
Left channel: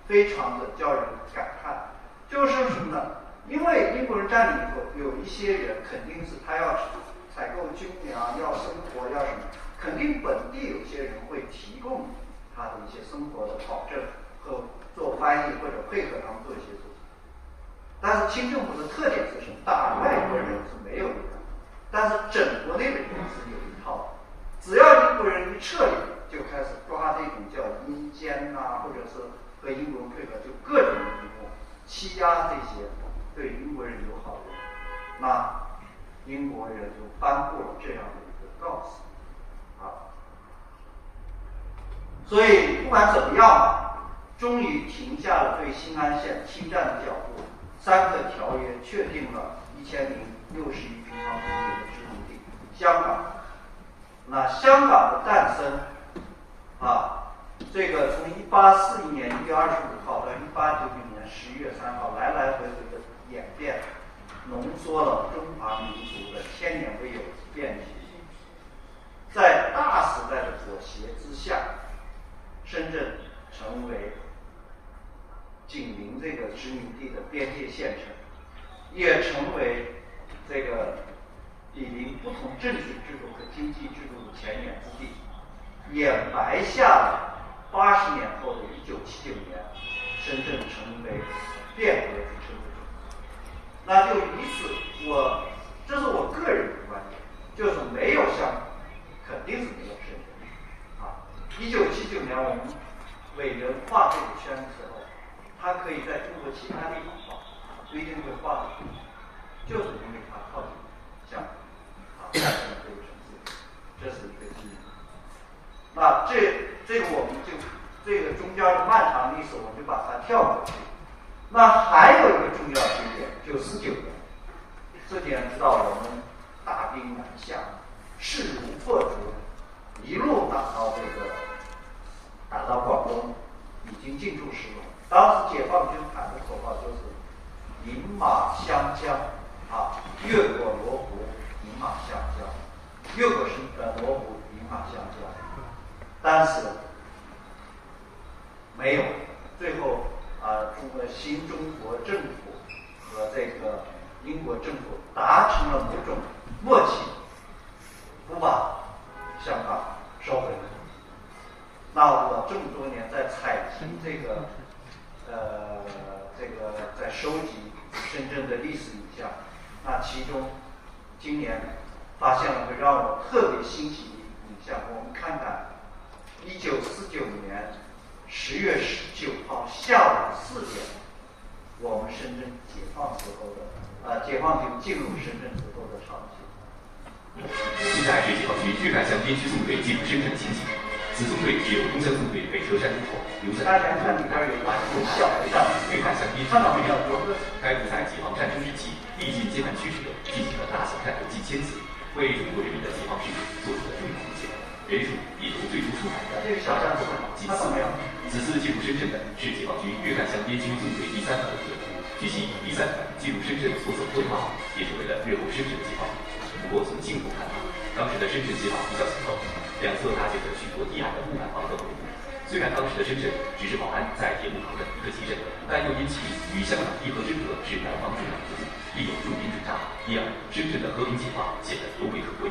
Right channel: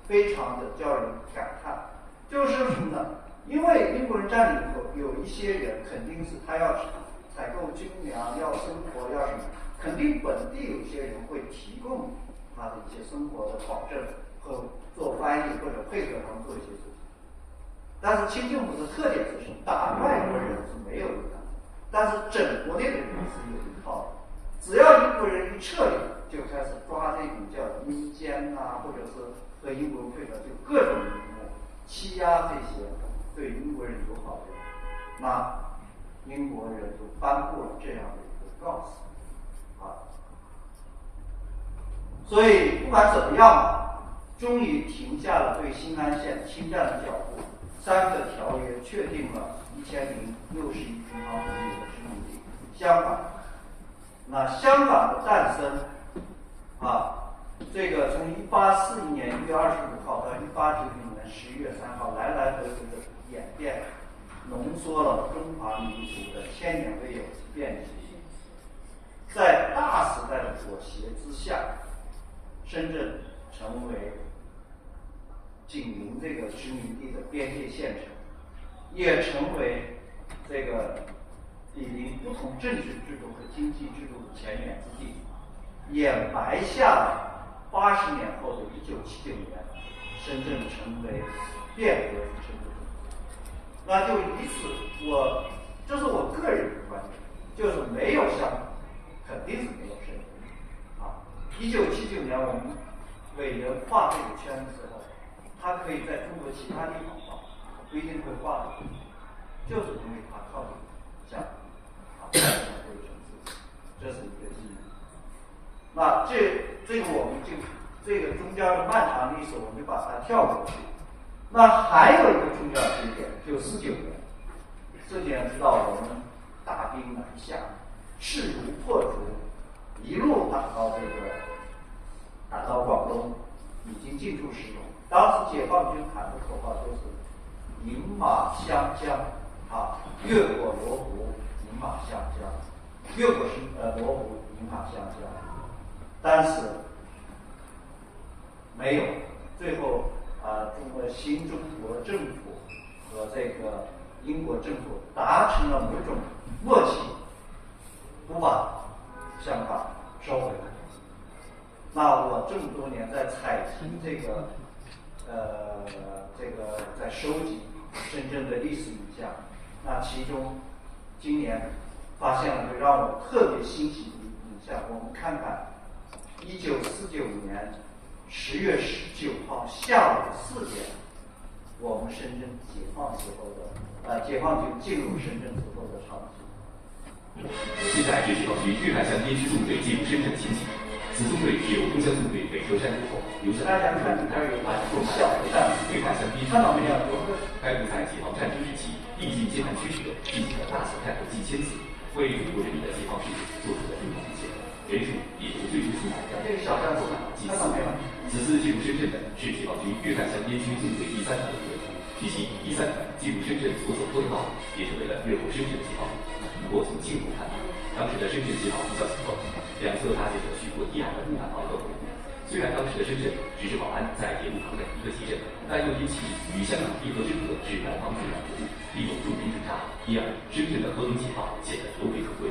非常的叫人感叹。就是什么呢？因为英国人占领以后，有一些人肯定是他要采购军粮，要生活，要什么，肯定本地有些人会提供他的一些生活的保证和做翻译或者配合他们做一些事情。但是清政府的特点就是打外国人是没有的，但是整国内的人是有一套的。只要英国人一撤离，就开始抓这种叫阴奸或者是和英国人配合，就各种阴谋欺压这些对英国人友好的人。那英国人就颁布了这样的一个告示所以不管怎么样终于停下了对新安县侵占的脚步。3个条约确定了1061平方公里的殖民地，香港那香港的诞生，这个从1841年1月25号到1899年11月3号，来来回回的演变，浓缩了中华民族的千年未有的变体。在大时代的裹挟之下，深圳成为紧邻这个殖民地的边界县城，也成为这个毗邻不同政治制度和经济制度的前沿之地，也埋下了80年后的1979年，深圳成为变革主城的种子。那就以此，这是我个人的观点，就是没有香港，肯定是没有深圳。1979年我们伟人画这个圈的时候，他可以在中国其他地方画，不一定会画，就是因为他靠近香港，诞生了这个城市，这是一个基因。那这个我们就这个中间的漫长历史，我们就把它跳过去。那还有一个重要节点，就49年。49年知道我们大兵南下，势如破竹，一路打到广东，已经进驻石龙。当时解放军喊的口号就是“饮马湘江”，越过罗湖，饮马湘江，越过罗湖，饮马湘江。但是没有，最后新中国政府和这个英国政府达成了某种默契，不把香港收回来。那我这么多年在采集在收集深圳的历史影像，那其中今年发现了个让我特别欣喜的影像。我们看看1949年10月19号下午4点，我们深圳解放之后的解放军进入深圳之后的场景。现在是解放军粤赣湘边区纵队进入深圳的情景。此纵队是由东江纵队北车山入口，由山大家看里边有把有小的站，粤赣湘边区纵队该队在解放战争之期，历尽艰难曲折，进行了大小战斗近1000次，为中国人民的解放事业做出了重要贡献，人数也由最初出版的近4万。此次进入深圳的是解放军粤赣湘边区纵队第3团队。据悉，第3团进入深圳所走过的道路，也成为了日后深圳的解放路。不过从近处看来，当时的深圳解放比较紧凑，两侧搭建着许多低矮的木板房和围堵。虽然当时的深圳只是宝安在铁路旁的一个集镇，但又因其与香港一河之隔是南方重要国度，利用驻兵驻扎，因而深圳的和平解放显得尤为可贵。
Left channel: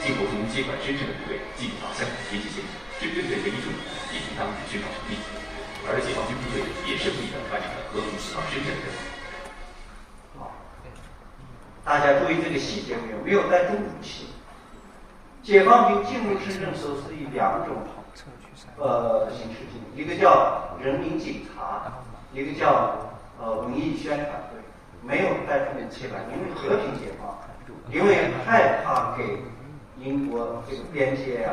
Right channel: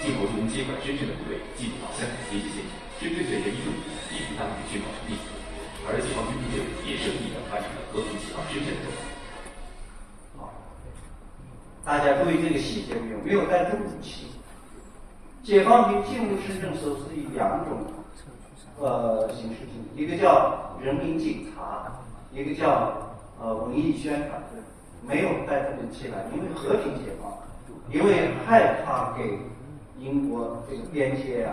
进口中接管深圳的部队进入到香港边界线，深圳的人民政府也应当与宣告成立，而解放军部队也顺利地完成了和平解放深圳的任务。大家注意这个细节没有带重武器。解放军进入深圳时候是以2种形式进入，一个叫人民警察，一个叫文艺宣传队，没有带重武器来，因为和平解放，因为害怕给英国这个边界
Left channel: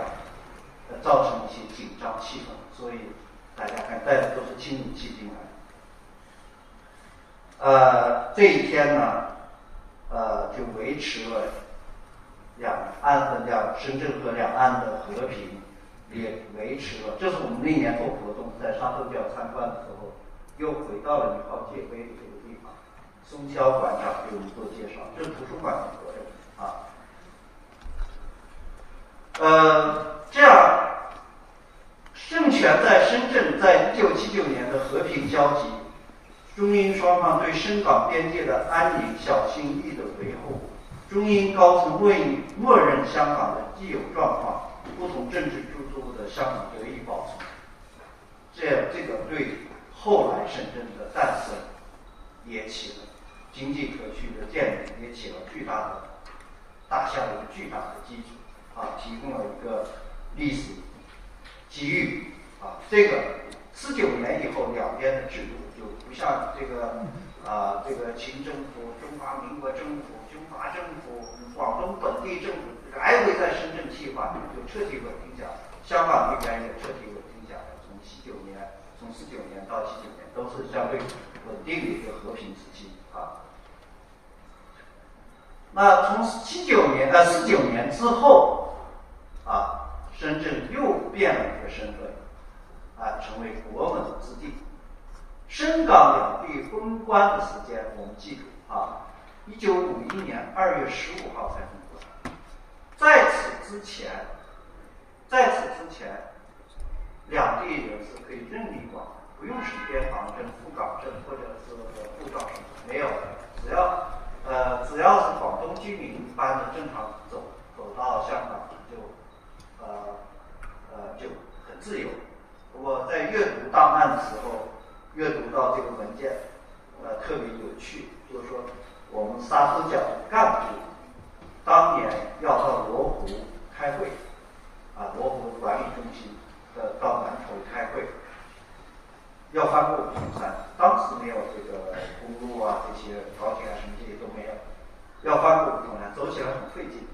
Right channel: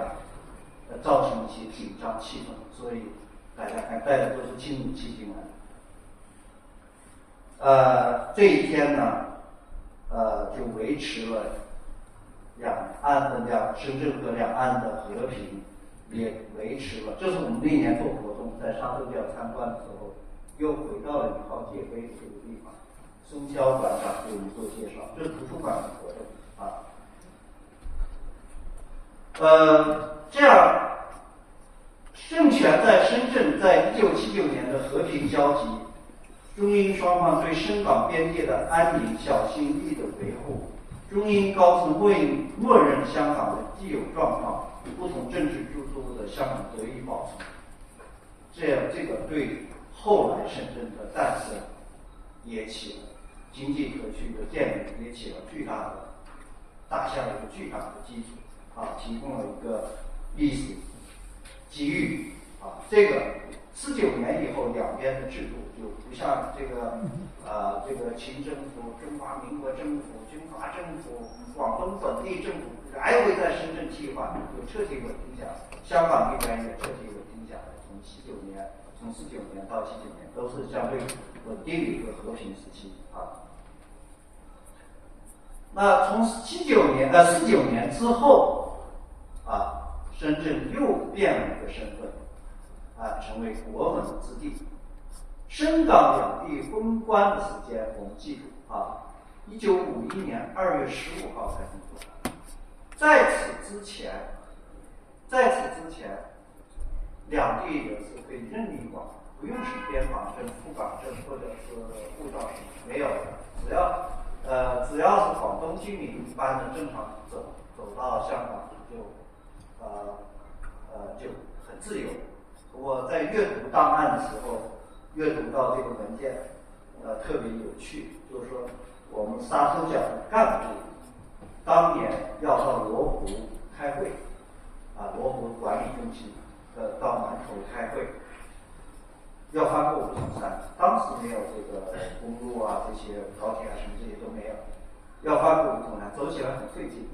造成一些紧张气氛，所以大家看带的都是轻武器进来。这一天呢，就维持了深圳和两岸的和平，也维持了。这是我们那年做活动，在沙头角参观的时候，又回到了1号界碑的这个地方。松肖馆长给我们做介绍，这是图书馆的活动这样，政权在深圳在1979年的和平交集，中英双方对深港边界的安宁小心翼翼的维护，中英高层默认香港的既有状况，不同政治制度的香港得以保存。这个对后来深圳的诞生也起了经济可区的建立，也起了打下了一个巨大的基础提供了一个历史机遇这个49年以后，两边的制度就不像这个清政府、中华民国政府、军阀政府、广东本地政府来回在深圳替换，就彻底稳定下来。香港这边也彻底稳定下来，从49年到79年都是相对稳定的一个和平时期那从49年之后，深圳又变了一个身份，成为国门之地。深港两地封关的时间我们记住1951年2月15号才封关。在此之前，两地人是可以任意往，不用是边防证、赴港证或者是护照什么，没有的，只要是广东居民，一般的正常走到香港就很自由。不过在阅读档案的时候，阅读到这个文件，特别有趣，就是说我们沙头角的干部当年要到罗湖开会，罗湖管理中心到南头开会，要翻过五通山，当时没有这个公路这些高铁什么这些都没有，要翻过五通山，走起来很费劲。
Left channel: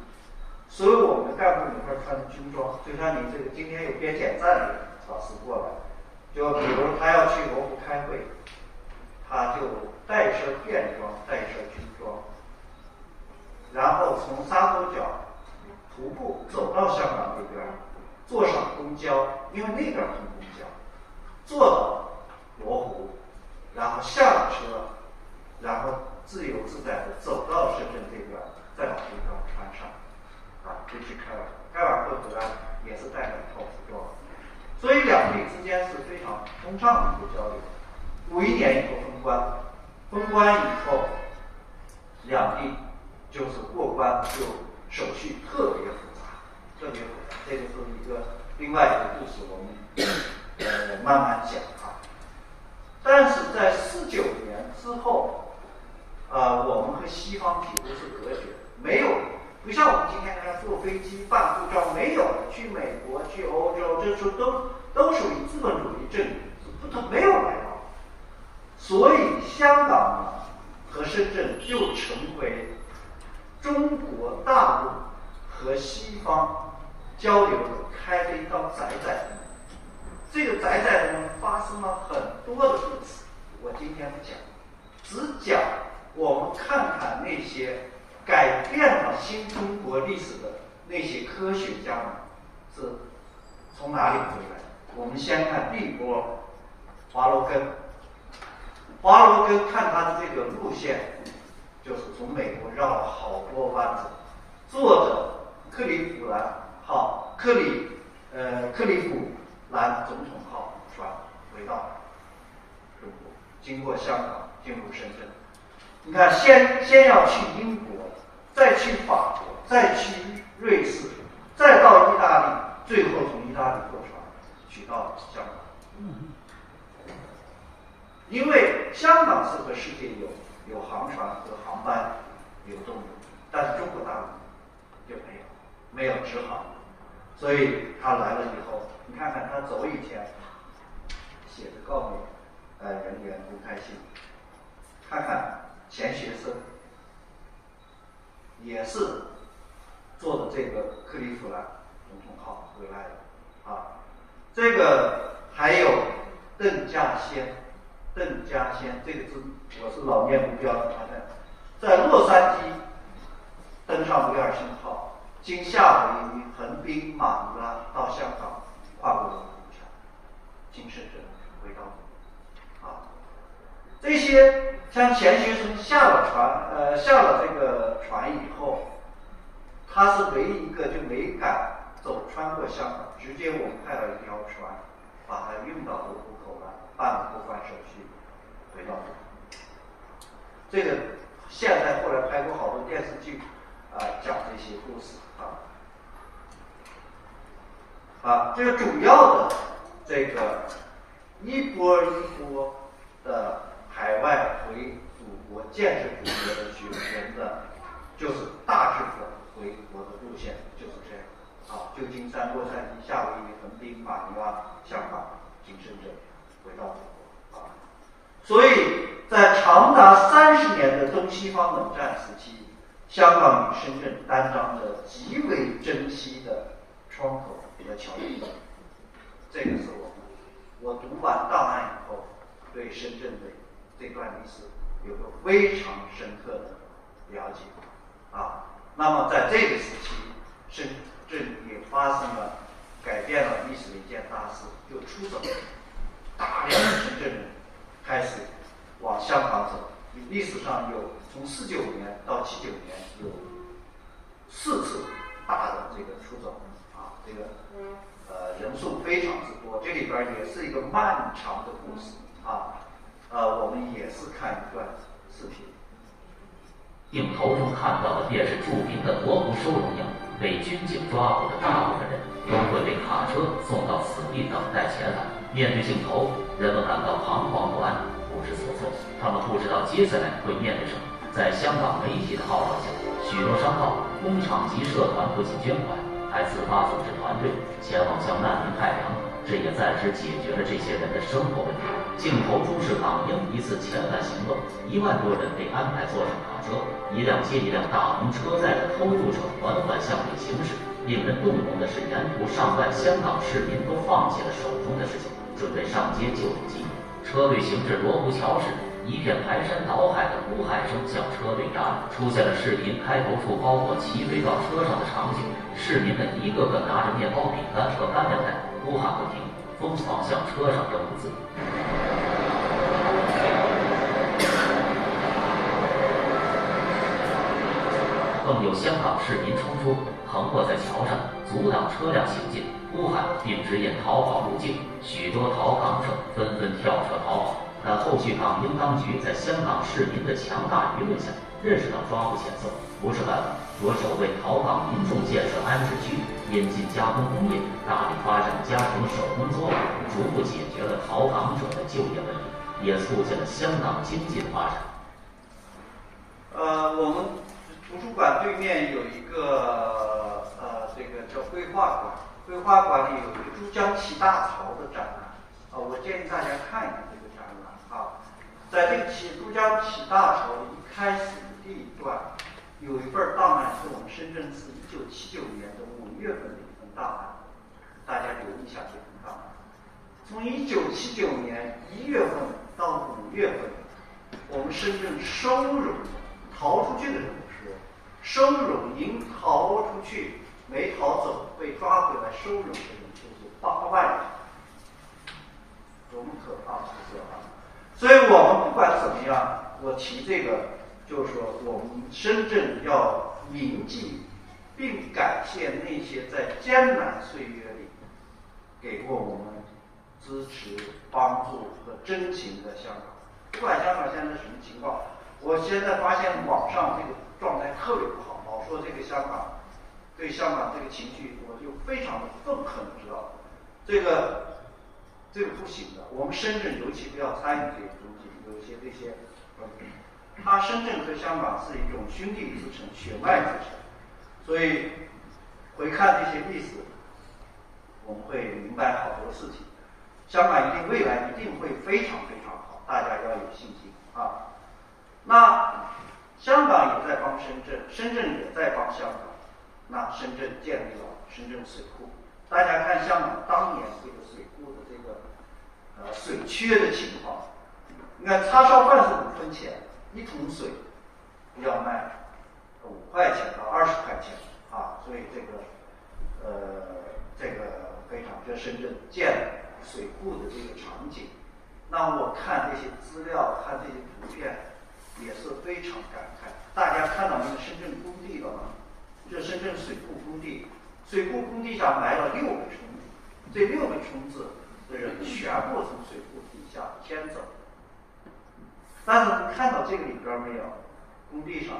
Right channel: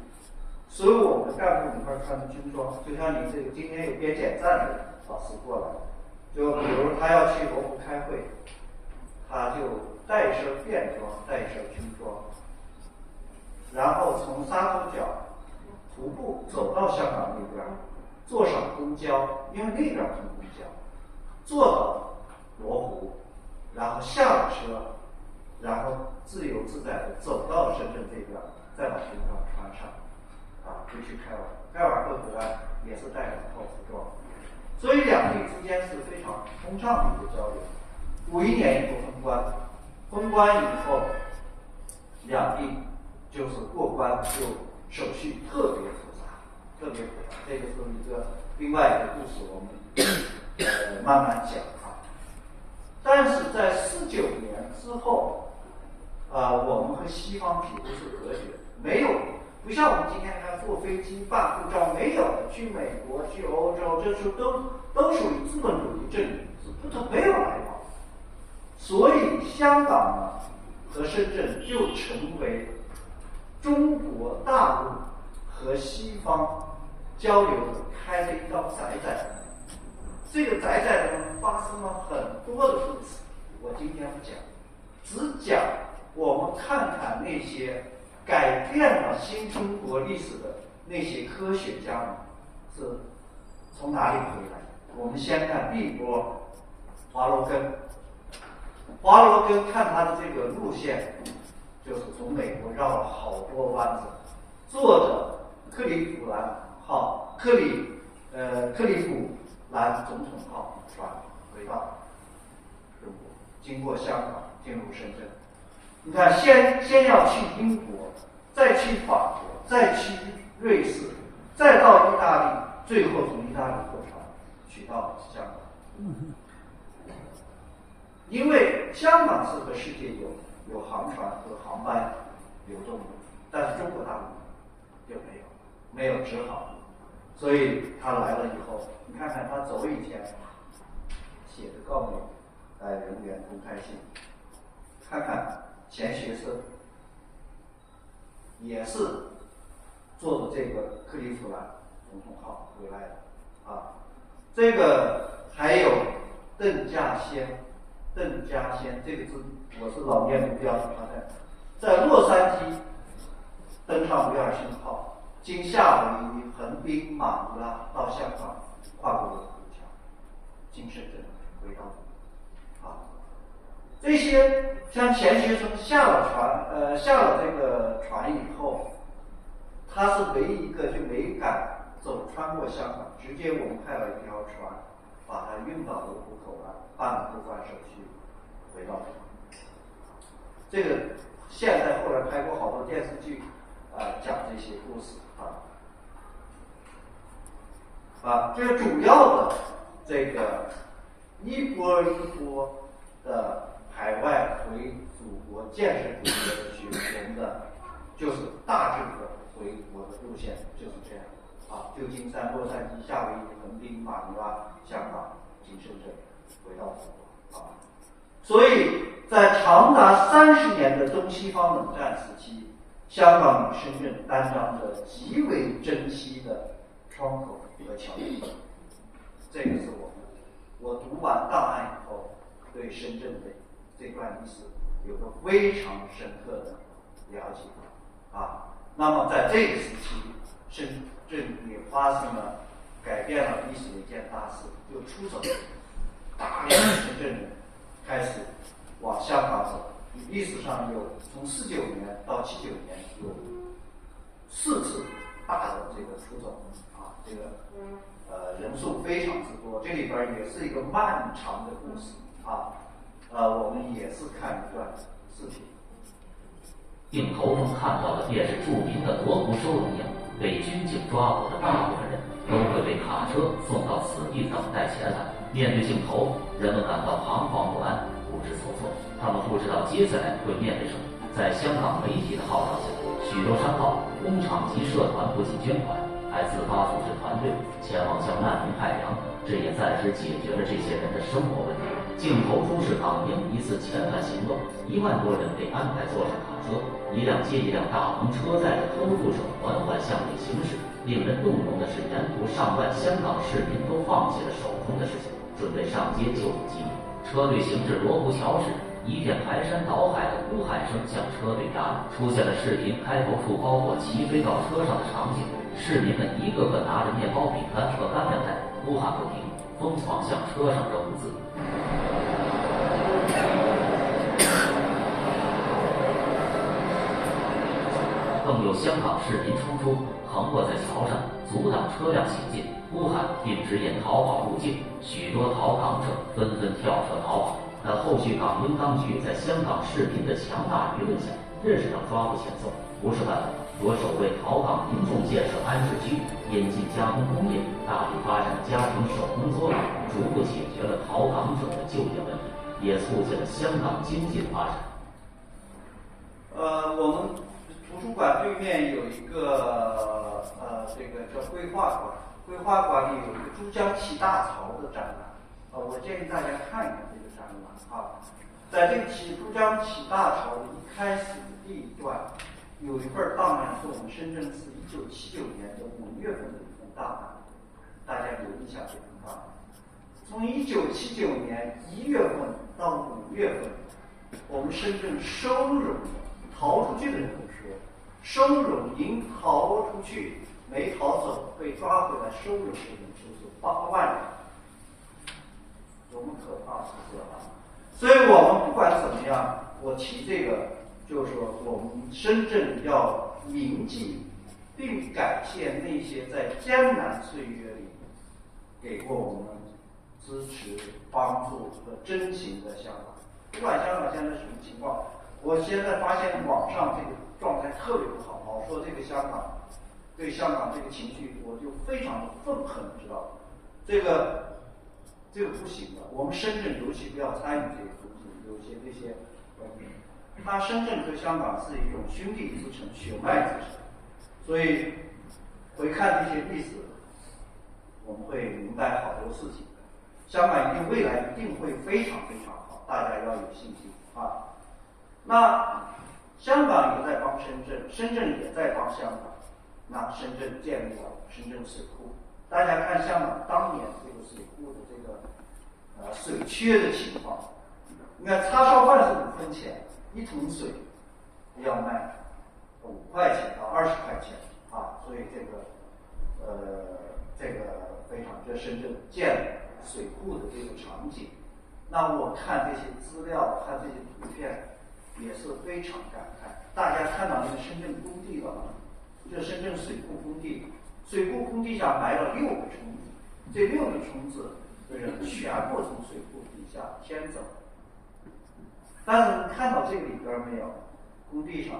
所有我们的干部里面穿军装，就像您这个今天有边检站的老师过来，就比如他要去罗湖开会，他就带一身便装，带一身军装，然后从沙头角徒步走到香港那边，坐上公交，因为那边通公交，坐到罗湖，然后下了车，然后自由自在的走到深圳这边，再往这边船上，就去开完，开完会回来也是带2套服装，所以两地之间是非常通畅的一个交流。51年以后封关以后，两地就是过关就手续特别复杂，这个是一个另外一个故事，我们慢慢讲但是在49年之后，我们和西方几乎是隔绝，没有，不像我们今天坐飞机办护照，没有去美国、去欧洲，这时候都属于资本主义政治，没有来往。所以香港和深圳就成为中国大陆和西方交流的开了一道窄窄的门。这个窄窄的门发生了很多的故事，我今天不讲，只讲我们看看那些改变了新中国历史的那些科学家们是从哪里回来的。我们先看第一波华罗庚，看他的这个路线，就是从美国绕了好多弯子，坐着克利夫兰总统号船回到中国，经过香港进入深圳。你看，先要去英国，再去法国，再去瑞士，再到意大利，最后从意大利坐船去到香港。因为香港是和世界有航船和航班流动的，但是中国大陆就没有直航，所以他来了以后，你看看他走以前写的告别人员公开信，看看钱学森也是坐的这个克利夫兰总统号回来的这个还有邓稼先这个字我是老念不标准，在洛杉矶登上威尔逊号，经夏威夷、横滨、马尼拉到香港，跨过罗湖桥，经深圳回到这些像钱学森下了这个船以后，他是唯一一个就没敢穿过香港，直接我们派了一条船把他运到罗湖口岸，办了过关手续，回到这个现在后来拍过好多电视剧讲这些故事这个主要的这个一波的海外回祖国建设祖国的学人的，就是大致的回国的路线就是这样旧金山、洛杉矶、夏威夷、横滨、马尼拉、香港、经深圳回到祖国所以在长达30年的东西方冷战时期，香港与深圳担当着极为珍惜的窗口和桥梁。这个是我读完档案以后，对深圳的这段历史有个非常深刻的了解那么在这个时期，深圳也发生了改变了历史的一件大事，就出走，大量的深圳人开始往香港走。历史上有从49年到79年有4次大的这个出走这个人数非常之多。这里边也是一个漫长的故事我们也是看一段视频。镜头中看到的便是著名的罗湖收容营，被军警抓捕的大部分人都会被卡车送到此地等待遣返。面对镜头，人们感到彷徨不安，不知所措。他们不知道接下来会面对什么。在香港媒体的号召下，许多商号、工厂及社团不仅捐款，还自发组织团队前往向难民派粮，这也暂时解决了这些人的生活问题。镜头中是港英一次遣返行动，1万多人被安排坐上卡车，一辆接一辆大篷车载着偷渡者缓缓向北行驶。令人动容的是，沿途上万香港市民都放弃了手中的事情，准备上街救助饥民。车队行至罗湖桥时，一片排山倒海的呼喊声将车队压倒，出现了市民开头处包裹齐飞到车上的场景。市民们一个个拿着面包、饼干和干粮袋，呼喊不停，疯狂向车上扔物资。更有香港市民冲出，横卧在桥上，阻挡车辆行进，呼喊并指引逃跑路径。许多逃港者纷纷跳车逃跑，但后续港英当局在香港市民的强大舆论下，认识到抓捕遣送不是办法，着手为逃港民众建设安置区，引进加工工业，大力发展家庭手工作坊，逐步解决了逃港者的就业问题，也促进了香港经济的发展。我们图书馆对面有一个这个叫绘画馆，绘画馆里有一个珠江七大潮的展览我建议大家看一看这个展览在这个珠江七大潮一开始的第一段，有一份档案是我们深圳市1979年的5月份的一份档案，大家留意一下这份档案。从1979年1月份到5月份，我们深圳收容逃出去的人不说，收容营逃出去没逃走被抓回来收容的人就是8万人，多么可怕的事所以我们不管怎么样，我提这个就是说，我们深圳要铭记并感谢那些在艰难岁月里给过我们支持、帮助和真情的香港。不管香港现在什么情况，我现在发现网上这个状态特别不好，老说这个香港对香港这个情绪，我就非常的愤恨，知道这个不行的。我们深圳尤其不要参与这个东西，有些这些它深圳和香港是一种兄弟之城、血脉之城，所以回看这些历史，我们会明白好多事情。香港未来一定会非常非常好，大家要有信心那香港也在帮深圳，深圳也在帮香港。那深圳建立了深圳水库，大家看香港当年这个水库的这个水缺的情况，你看叉烧饭是5分钱，1桶水要卖5块钱到20块钱所以这个非常就深圳建水库的这个场景。那我看这些资料，看这些图片，也是非常感慨。大家看到那个深圳工地了吗？这深圳水库工地，水库工地上埋了6个虫子，这6个虫子的人全部从水库底下迁走。但是看到这个里边没有？工地上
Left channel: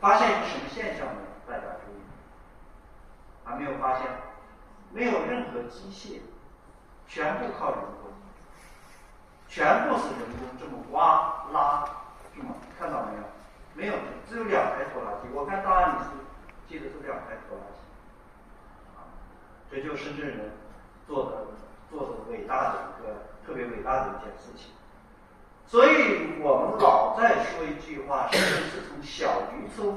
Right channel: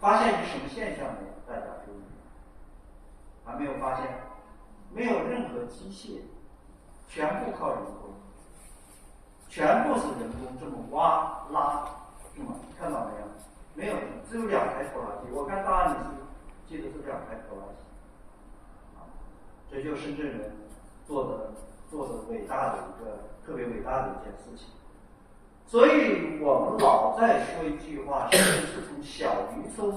发现一个什么现象没有？大家注意，还没有发现，没有任何机械，全部靠人工，全部是人工这么挖拉，是吗？看到没有？没有，只有2台拖拉机。我看档案里是记得是2台拖拉机这就是深圳人做的伟大的一个特别伟大的一件事情。所以我们老在说一句话，深圳是从小渔村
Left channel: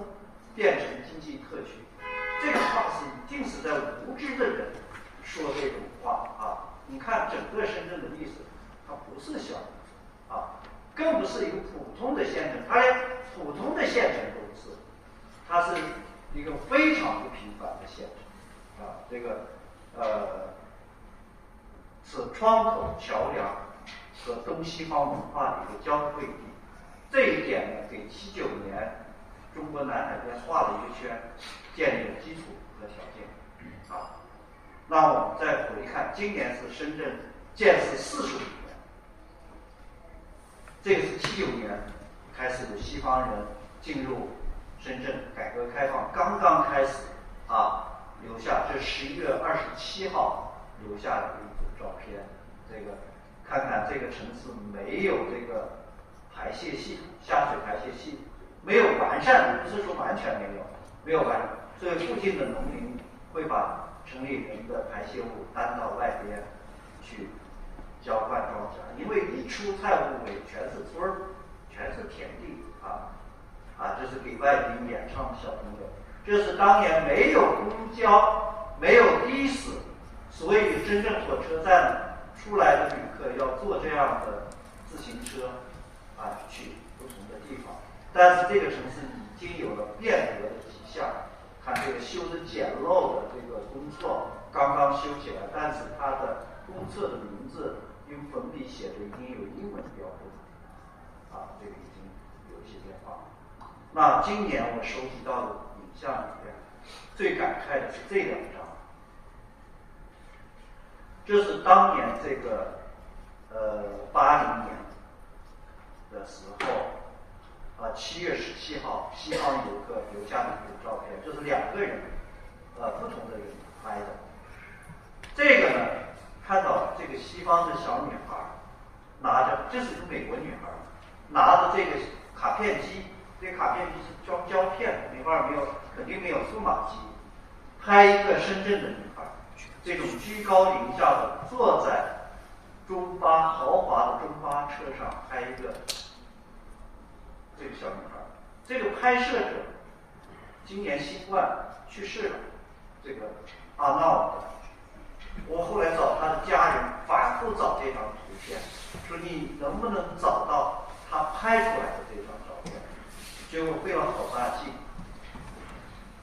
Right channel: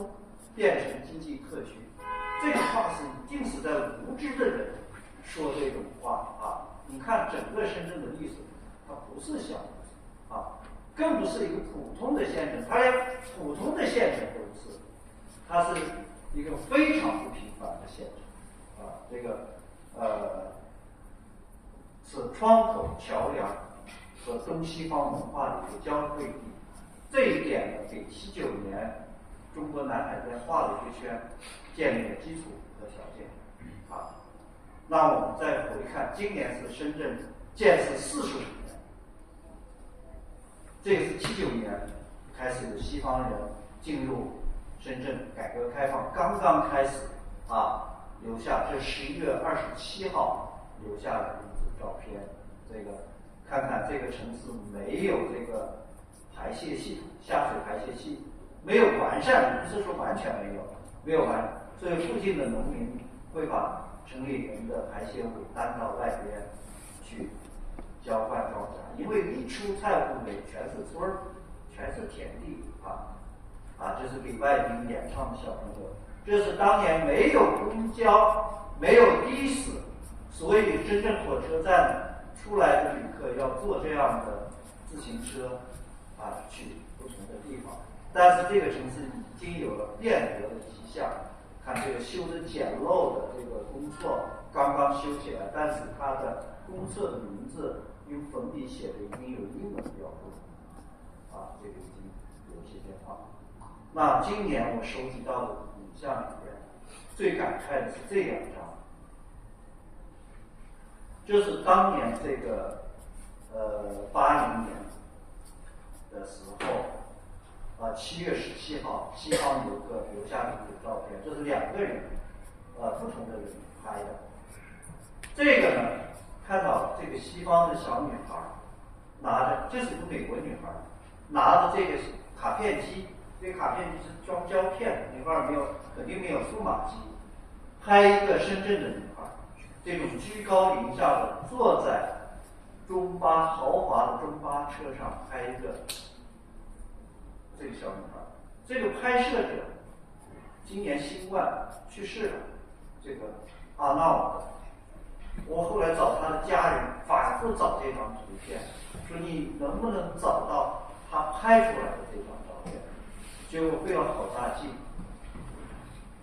变成经济特区，这个话是一定是在无知的人说这种话你看整个深圳的历史，它不是小渔村更不是一个普通的县城，它连普通的县城都不是，它是一个非常不平凡的县城，这个是窗口、桥梁和东西方文化的一个交汇地。这一点呢，给79年中国南海边画了一个圈，建立了基础和条件。那我们再回看，今年是深圳建设45年，这个是79年开始有西方人进入深圳，改革开放刚刚开始留下这11月27号留下的一组照片。这个看看这个城市没有这个排泄系统，下水排泄系统没有完善，不是说完全没有完善，所以附近的农民会把城里人的排泄物搬到外边去浇灌庄稼，因为一出菜户尾全是村儿，全是田地这是给外宾演唱的小朋友。这是当年没有公交，没有的士，所以真正火车站出来的旅客要坐这样的自行车去不同的地方。但是这个城市已经有了变革的迹象，看这个修的简陋的这个公厕刚刚修起来，但是它的公厕的名字用粉笔写的已经有英文标注这个已经有一些变化。那今年我收集到的影像里面，最感慨的是这2张，这是当年这个80年的时候7月17号西方游客留下的一个照片，这是2个人不同的人拍的。这个呢，看到这个西方的小女孩拿着，这是一个美国女孩，拿着这个卡片机，这卡片机是装胶片的，那会儿肯定没有数码机，拍一个深圳的女孩，这种居高临下的坐在豪华的中巴车上拍一个这个小女孩。这个拍摄者今年新冠去世了，这个阿闹的。我后来找他的家人，反复找这张图片，说你能不能找到他拍出来的这张照片？结果费了好大劲，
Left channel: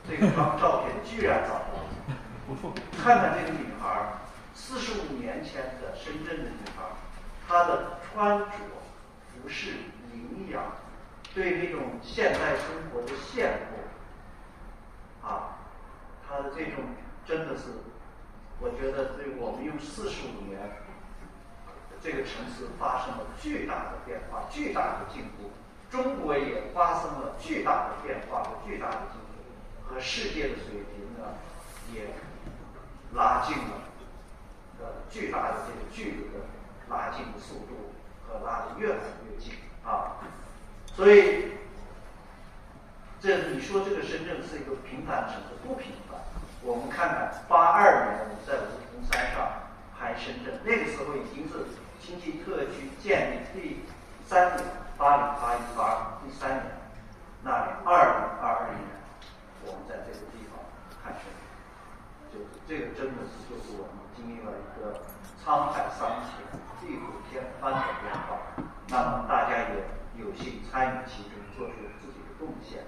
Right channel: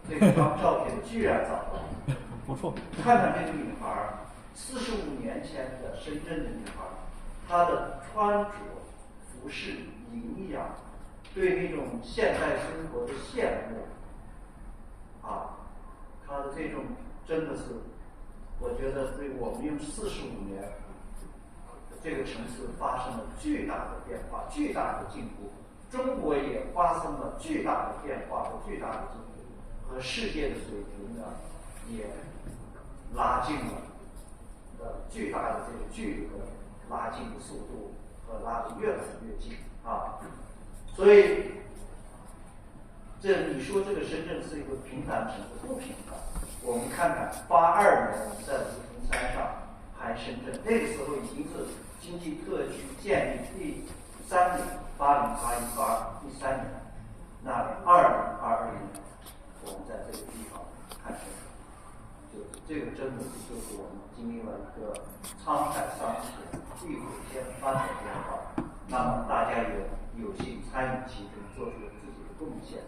这张照片居然找到了。看看这个女孩，45年前的深圳的女孩，她的穿着、服饰、营养，对那种现代生活的羡慕，她的这种真的是。我觉得我们用45年，这个城市发生了巨大的变化，巨大的进步。中国也发生了巨大的变化和巨大的进步，和世界的水平呢也拉近了，巨大的这个距离的拉近的速度和拉得越来越近所以，你说这个深圳是一个平凡城市，不平凡。我们看看82年我们在梧桐山上拍深圳，那个时候已经是经济特区建立第3年，80、81、82第3年。那2022年我们在这个地方看深圳，就是这个真的是就是我们经历了一个沧海桑田、地虎天翻的变化。那么大家也有幸参与其中，做出自己的贡献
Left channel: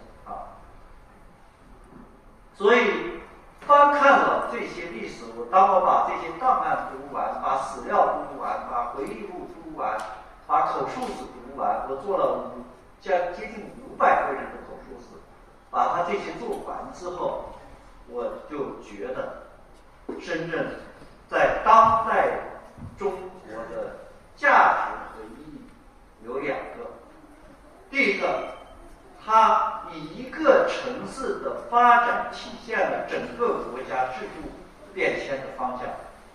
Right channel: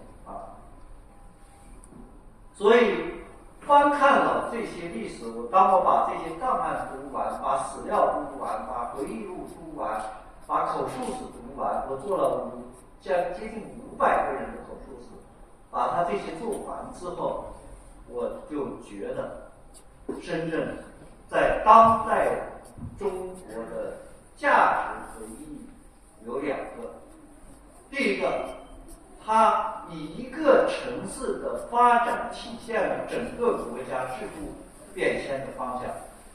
所以翻看了这些历史，当我把这些档案读完，把史料读完，把回忆录读完，把口述史读完，我做了接近500个人的口述史，把它这些做完之后，我就觉得深圳在当代中国的价值和意义有2个。第一个，它以一个城市的发展体现了整个国家制度变迁的方向，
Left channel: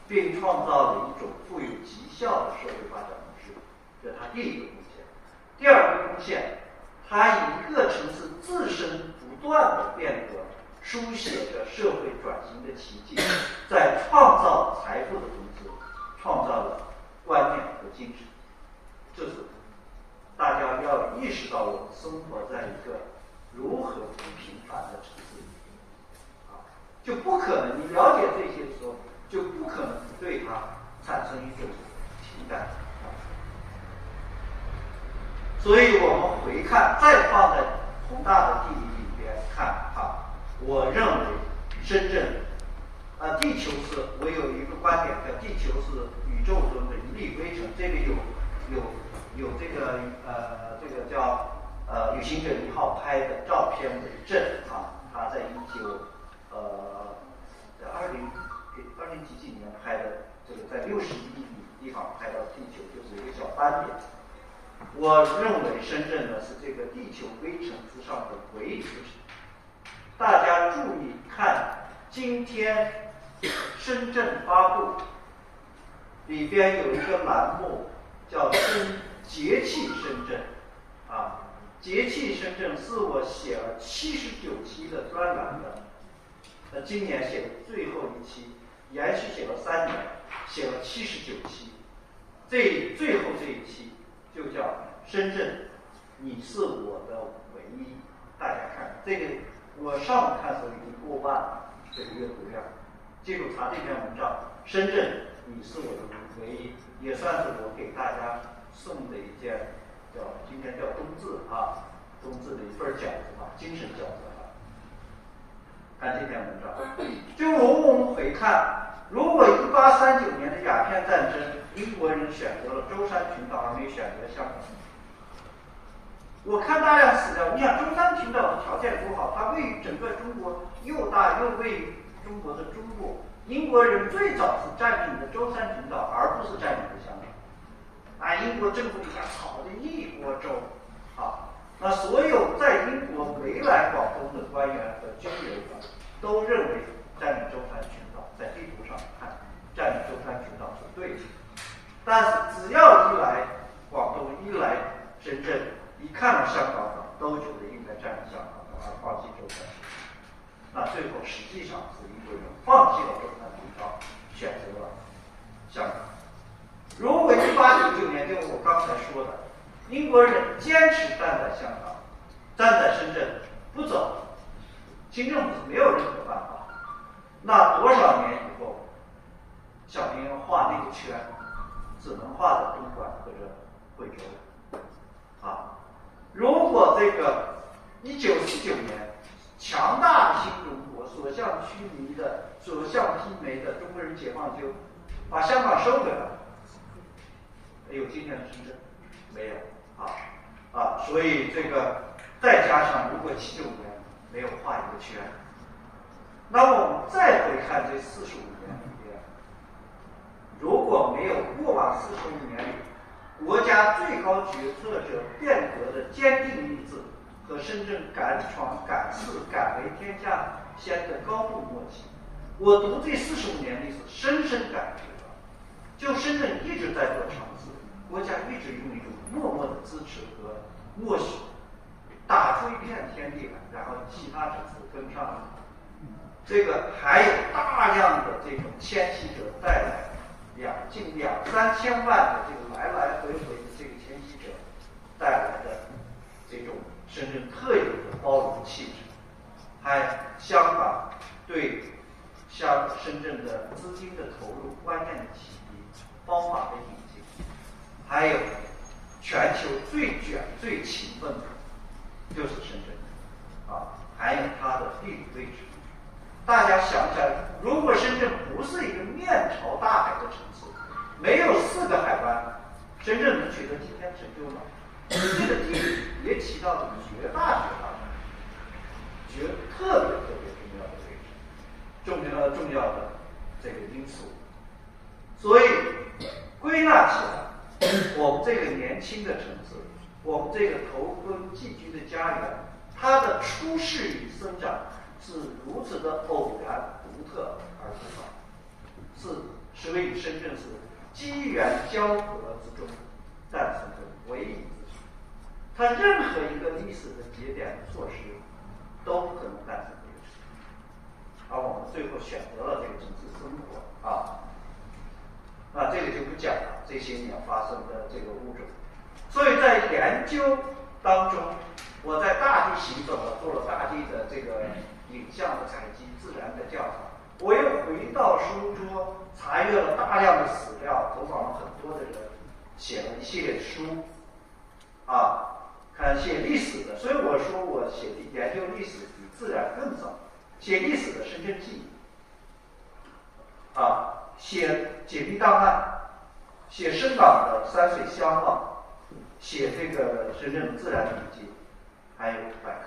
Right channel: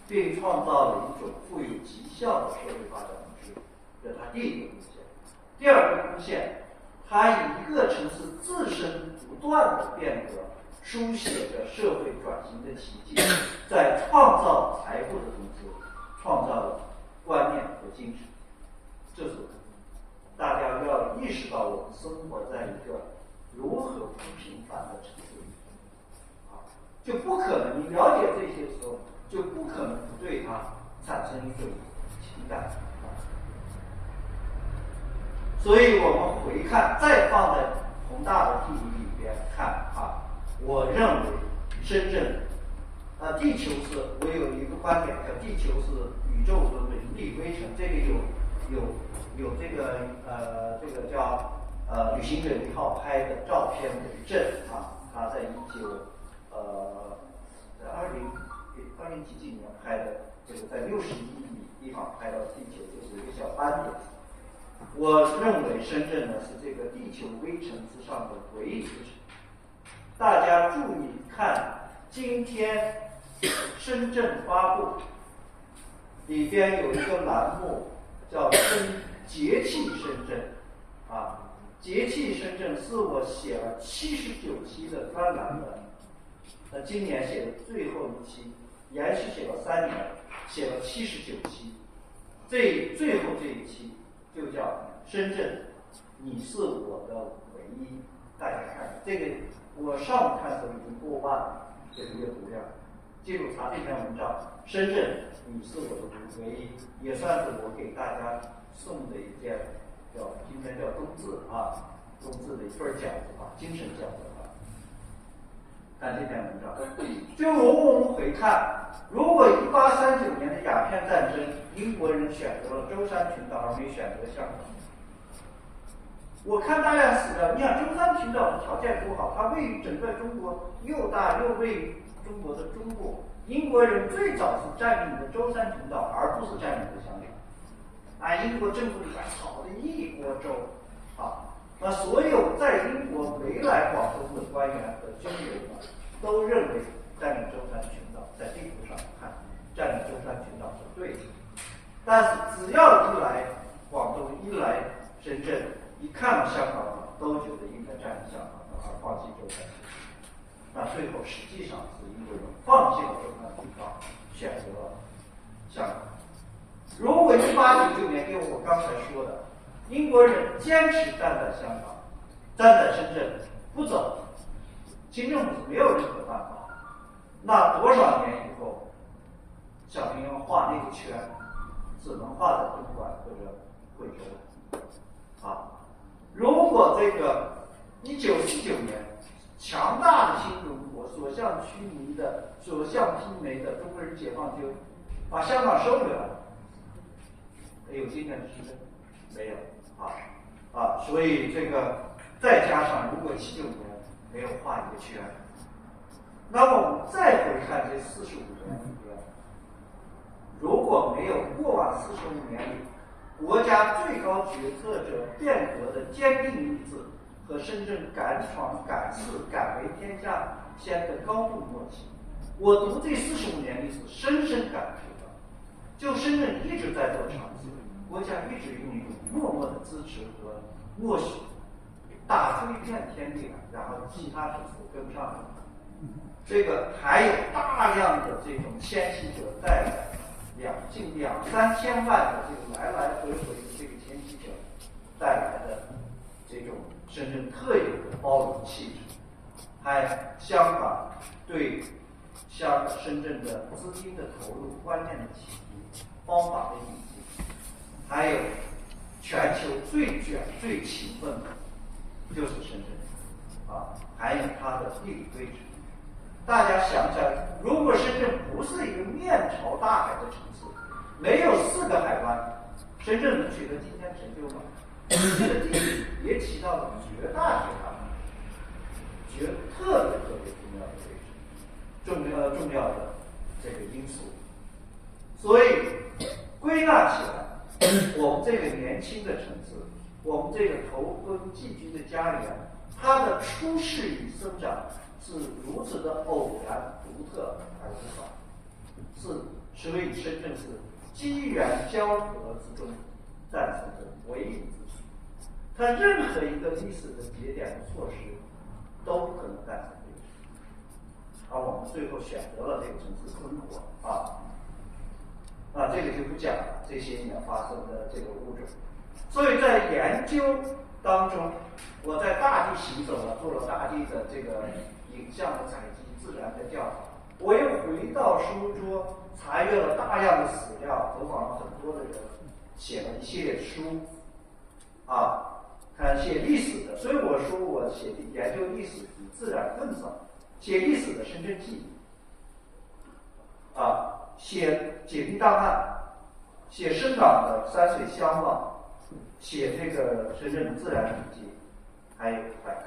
并创造了一种富有绩效的社会发展模式，这是它第一个贡献。第二个贡献，它以一个城市自身不断的变革，书写着社会转型的奇迹，在创造财富的同时，创造了观念和精神。这是大家要意识到，我们生活在一个如何不平凡的城市里就不可能，你了解这些的时候，就不可能不对它产生一种情感所以我们回看，再放在宏大的地理里边看我认为深圳，地球是，我有一个观点叫地球是宇宙中的一粒微尘，这个有这个这个叫旅行者1号拍的照片为证啊，他在20几年拍的，这个在61米地方拍到地球，就是一个小斑点。我认为深圳呢是这个地球微尘之上的唯一之城。大家注意看，今天深圳发布里边有一个栏目叫节气深圳啊，节气深圳是我写了79期的专栏的，今年写的最后一期，连续写了3年，写了79期，最后这一期就叫深圳，你是我的唯一。大家看这个，我上午看的时候已经过万了这个阅读量。记住查这篇文章，深圳你是我的唯一，也算是我给大家送的一件今天叫冬至啊，冬至的一份饺子啊，精神饺子啊。看这篇文章，就我们回看，如果1839年的鸦片战争，英国人选择了舟山群岛而没选择香港。我看大量史料，你想舟山群岛的条件多好，它位于整个中国又大又位于中国的中部。英国人最早是占领的舟山群岛，而不是占领的香港。英国政府里边吵得一锅粥啊。那所有在英国回来广东的官员和军人们都认为占领舟山群岛，在地图上看占领舟山群岛是对的。但是只要一来广东，一来深圳，一看了香港都觉得应该占领香港而放弃舟山群岛。那最后实际上是英国人放弃了舟山群岛，选择了香港。如果1899年就我刚才说的，英国人坚持站在香港，站在深圳不走，清政府是没有任何办法。那多少年以后，小平画那个圈，只能画在东莞或者惠州啊。如果这个1949年，强大的新中国所向披靡的中国人解放军把香港收回来了，有今天的深圳没有所以这个再加上如果79年没有画一个圈，那么我们再回看这45年里边，如果没有过往45年里国家最高决策者变革的坚定意志和深圳敢闯敢试敢为天下先的高度默契，我读这45年历史深深感觉到，就深圳一直在做尝试，国家一直用一种默默的支持和默许打出一片天地来，然后其他城市跟上来。这个还有大量的这种迁徙者带来近2-3千万的这个来来回回的这个迁徙者带来的这种深圳特有的包容气质，还香港对深圳的资金的投入、观念的启迪、方法的引进，还有全球最卷最勤奋的就是深圳还有它的地理位置。大家想想，如果深圳不是一个面朝大海的城市，没有4个海湾，深圳能取得今天成就吗？这个地理也起到了绝大特别重要的位置，重要的这个因素。所以归纳起来，我们这个年轻的城市，我们这个投奔寄居的家园，它的出世与生长是如此的偶然、独特而不少，所以深圳是机缘交合之中诞生的唯一之处。它任何一个历史的节点的措施都不可能诞生这个事，而我们最后选择了这个城市生活这个就不讲了，这些年发生的这个物种。所以在研究当中，我在大地行走了，做了大地的这个影像的采集、自然的调查。我又回到书桌，查阅了大量的史料，走访了很多的人，写了一系列书看写历史的。所以我说我研究历史比自然更早，写历史的深圳记，写解密档案，写深港的山水相貌，写这个深圳的自然笔记，还有百科。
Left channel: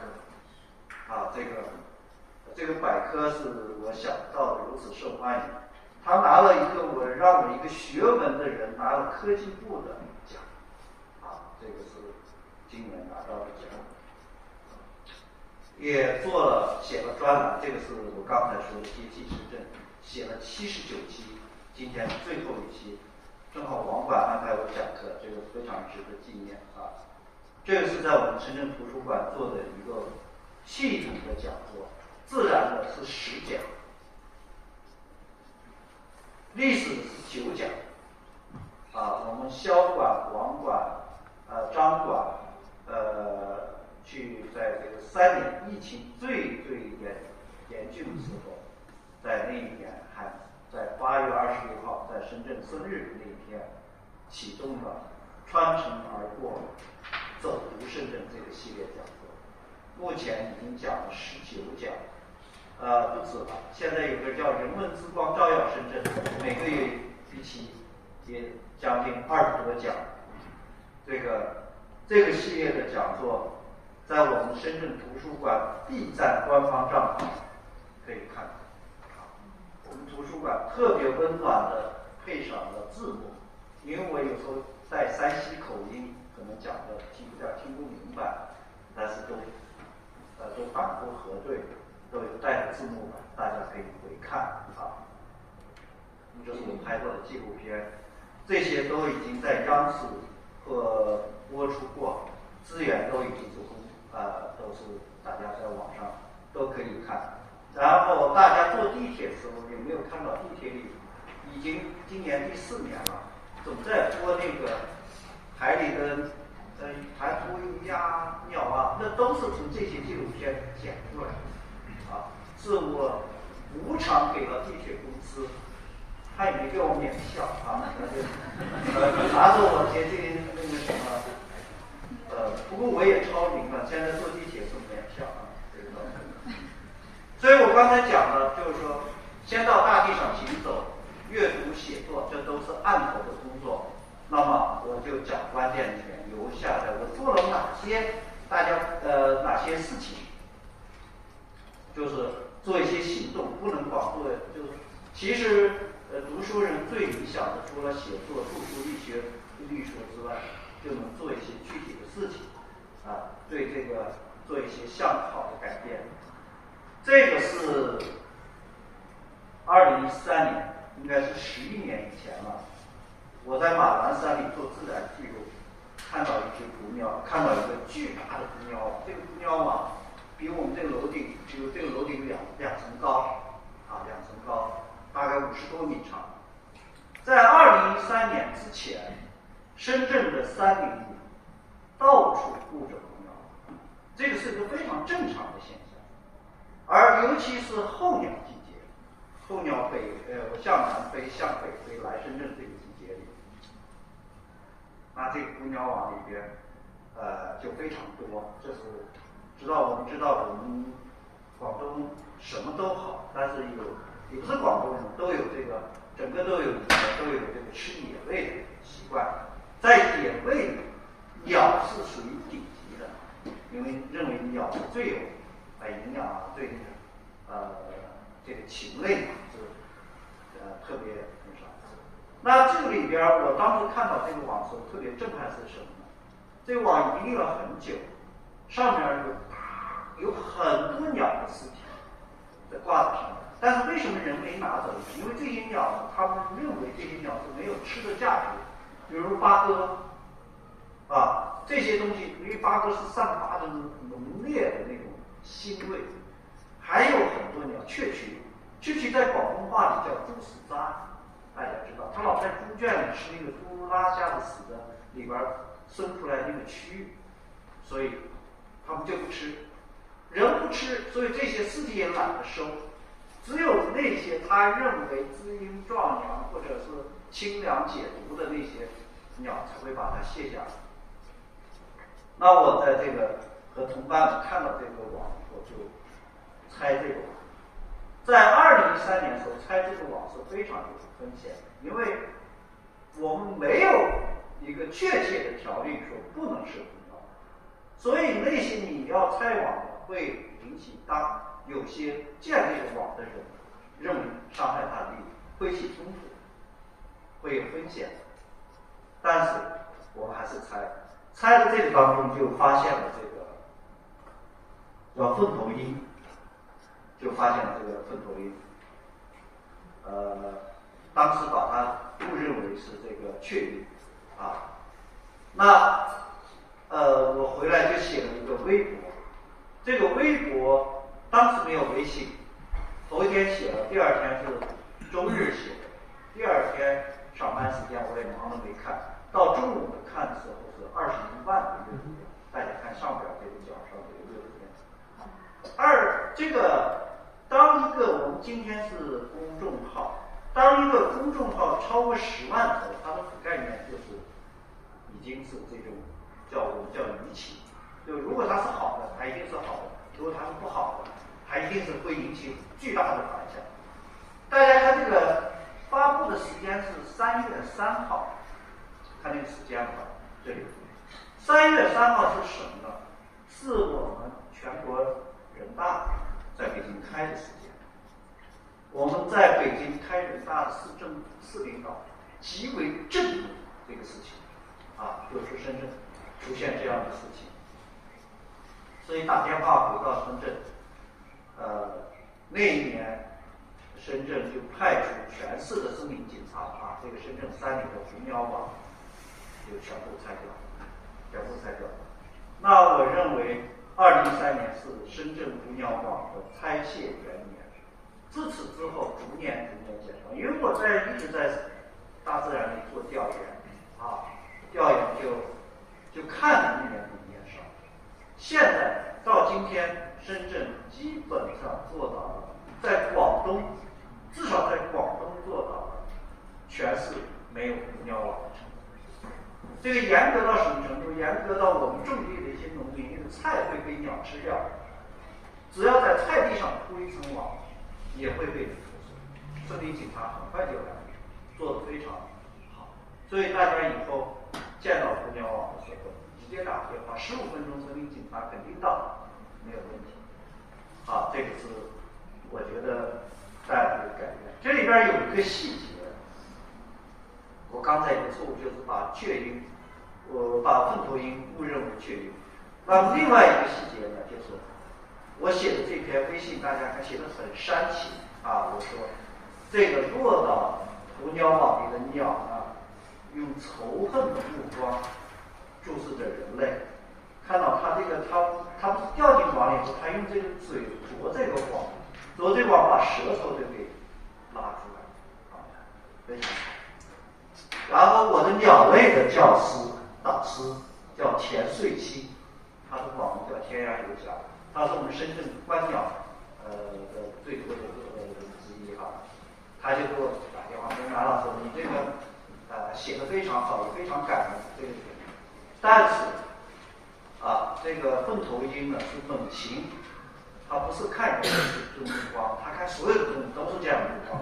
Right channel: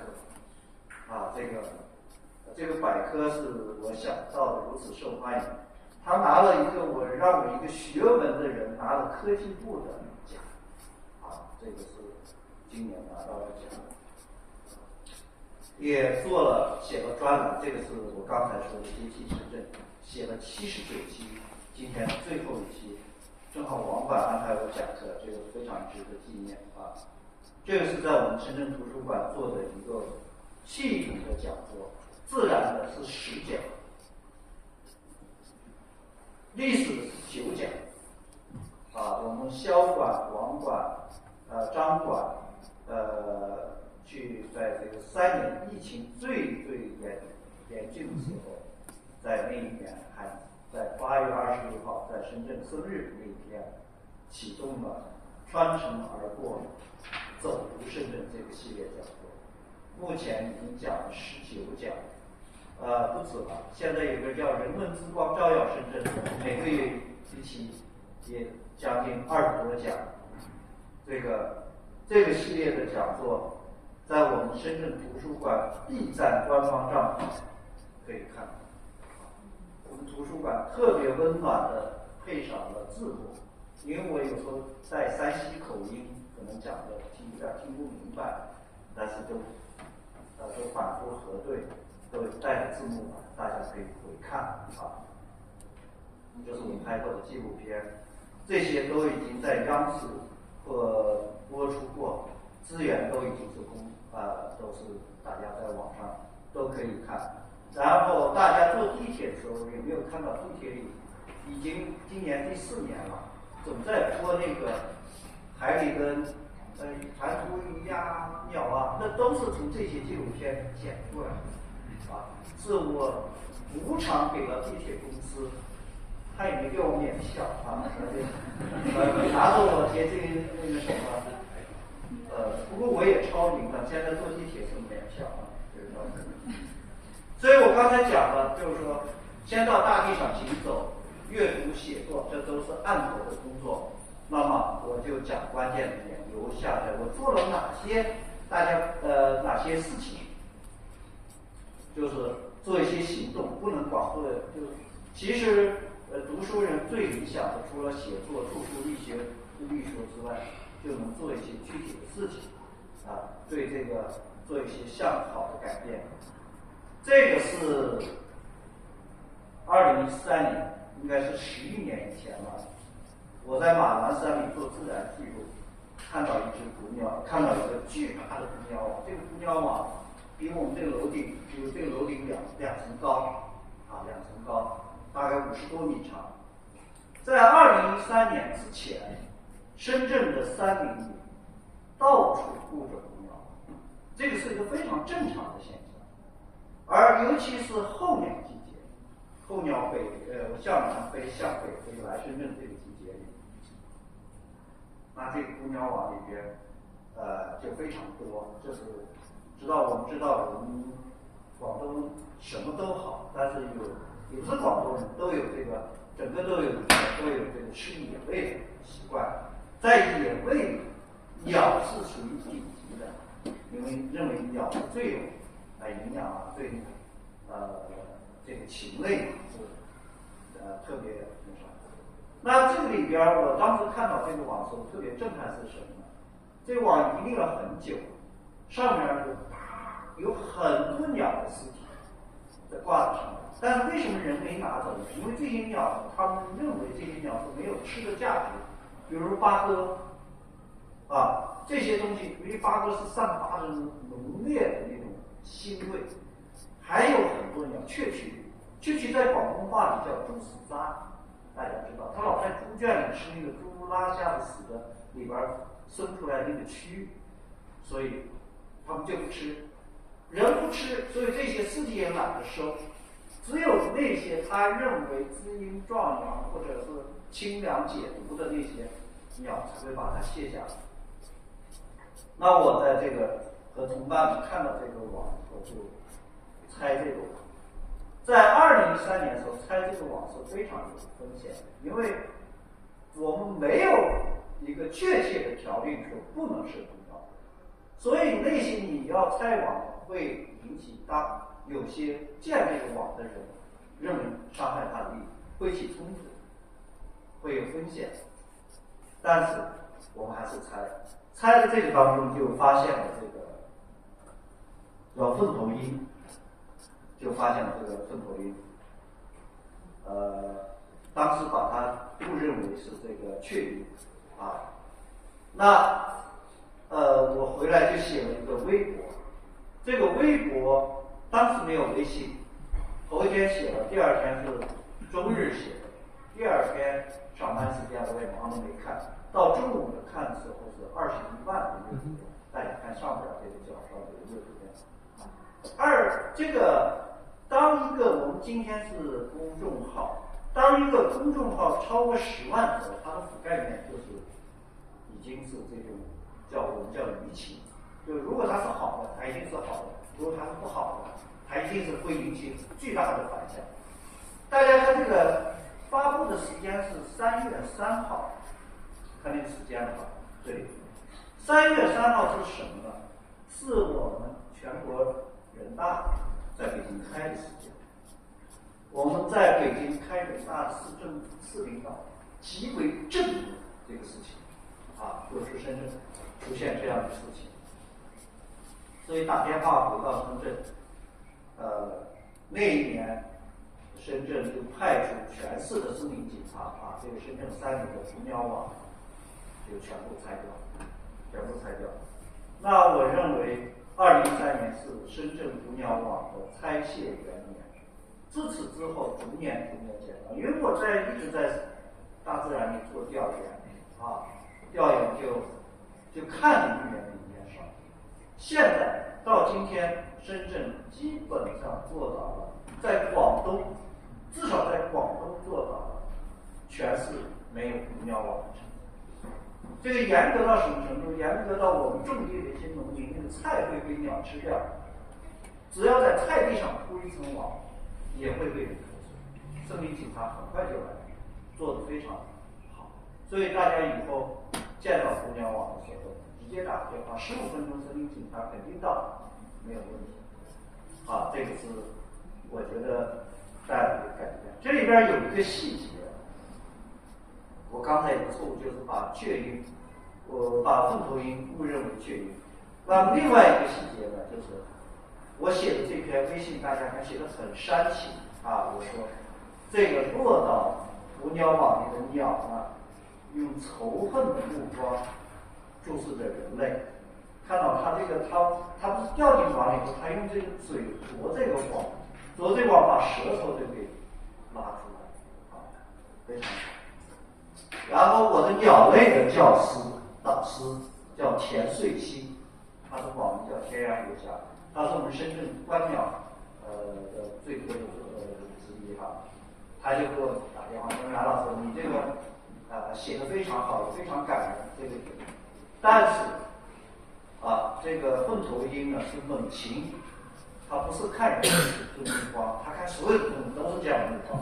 这个百科是我想到的如此受欢迎，他拿了一个让我一个学文的人拿了科技部的奖，这个是今年拿到的奖。也写了专栏，这个是我刚才说的接替深圳，写了79期，今天最后一期，正好网管安排我讲课，这个非常值得纪念啊。这个是在我们深圳图书馆做的一个系统的讲座，自然的是10讲，历史的是9讲，我们萧馆、王馆、张馆，去在这个3年疫情最严峻的时候，在那一年还在8月26号在深圳生日那一天，启动了穿城而过走读深圳这个系列讲座，目前已经讲了19讲，不止了。现在有个叫人文之光照耀深圳，每个月一期，也将近20多讲。这个系列的讲座，在我们深圳图书馆 B 站官方账号可以看到。我们图书馆特别温暖的配上了字幕，因为我有时候带山西口音，可能讲的有点听不明白，但是都反复核对，都带着字幕版，大家可以回看这是我拍过的纪录片，这些都已经在央视播出过，资源都已经都是大家在网上都可以看。然后大家坐地铁的时候，有没有看到地铁里已经今年第4年了，总在播那个海里的弹涂鱼呀、鸟啊，那都是从这些纪录片剪出来的是我无偿给了地铁公司，他也没给我免票拿着我接近那个什么不过我也超龄了，现在坐地铁是免票所以我刚才讲了，就是说先到大地上行走，阅读写作，这都是案头的工作。那么我就讲关键点，留下来我做了哪些哪些事情，就是做一些行动，不能光做，就是其实读书人最理想的，除了写作、著书立说之外，就能做一些具体的事情对这个做一些向好的改变。这个是2013年，应该是11年以前了。我在马栏山里做自然记录，看到一只捕鸟，看到一个巨大的捕鸟网。这个捕鸟网比我们这个楼顶，比如这个楼顶两层高2层高，大概50多米长。在2013年之前，深圳的山林里到处布着捕鸟网，这个是一个非常正常的现象。而尤其是候鸟季节，候鸟向南飞、向北飞来深圳这个季节里，那这个捕鸟网里边就非常多。这是我们知道我们广东什么都好，但是也不是广东人都有这个整个都有这个吃野味的习惯。在野味里，鸟是属于顶级的，因为认为鸟最有营养对这个禽类是特别那啥。那这个里边我当时看到这个网的时候特别震撼是什么呢？这个网已经立了很久，上面有很多鸟的尸体在挂在上面，但是为什么人没拿走呢？因为这些鸟他们认为这些鸟是没有吃的价值，比如八哥这些东西，因为八哥是散发着浓烈的那种腥味。还有很多鸟，雀蛐在广东话里叫猪屎渣，大家知道，它老在猪圈里吃那个猪拉下的屎的里边生出来那个蛆，所以它们就不吃，人不吃，所以这些尸体也懒得收，只有那些他认为滋阴壮阳或者是清凉解毒的那些鸟才会把它卸下来。那我在这个和同伴们看到这个网以后，就拆这个网，在2013年的时候拆这个网是非常有风险，因为我们没有一个确切的条例说不能设通道，所以那些你要拆网会引起有些建这个网的人认为伤害他的利益，会起冲突，会有风险。但是我们还是拆的这个当中就发现了这个叫凤头鹰，就发现了这个凤头鹰，当时把它误认为是这个雀鹰啊。那我回来就写了一个微博，这个微博当时没有微信，头一天写了，第二天是周日写的，第二天上班时间我也忙着没看，到中午看的时候是21万的阅读量，大家看上边这个角上这个阅读量。这个当一个我们今天是公众号，当一个公众号超过10万的时候，它的覆盖面就是已经是这种我们叫舆情，就如果它是好的，它一定是好的；如果它是不好的，它一定是会引起巨大的反响。大家看这个发布的时间是3月3号，看那个时间吧，这里3月3号是什么呢？是我们全国人大在北京开的时间。我们在北京开人大的市领导极为震怒这个事情就是深圳出现这样的事情，所以打电话回到深圳，那一年深圳就派出全市的森林警察这个深圳3里的狐鸟网就全部拆掉。那我认为2013年是深圳狐鸟网的拆卸元年，自此之后逐年减少。因为我一直在大自然里做调研就看着一年比一年少。现在到今天，深圳基本上做到了，在广东，至少在广东做到了全市没有狐鸟网的程度。这个严格到什么程度？严格到我们种地的一些农民，那个菜会被鸟吃掉，只要在菜地上铺一层网，也会被人投诉。森林警察很快就来，做得非常好。所以大家以后见到狐鸟网的时候，直接打电话，15分钟森林警察肯定到，没有问题。这个是我觉得大家可以改变。这里边有一个细节，我刚才有个错误，就是把雀鹰，我把凤头鹰误认为雀鹰。那么另外一个细节呢，就是我写的这篇微信，大家看写的很煽情我说这个落到狐鸟网里的鸟用仇恨的目光注视着人类，看到它它不是掉进网里头，它用这个嘴啄这个网，把舌头就给拉出来非常好。然后我的鸟类的教师导师叫田穗期，他的网名叫天涯游侠，他是我们深圳观鸟的最多的之一他就给我打电话说：“马老师，你这个写的非常好，也非常感人这个。但是这个凤头鹰呢是猛禽，它不是看人的目光，它看所有的动物都是这样的目光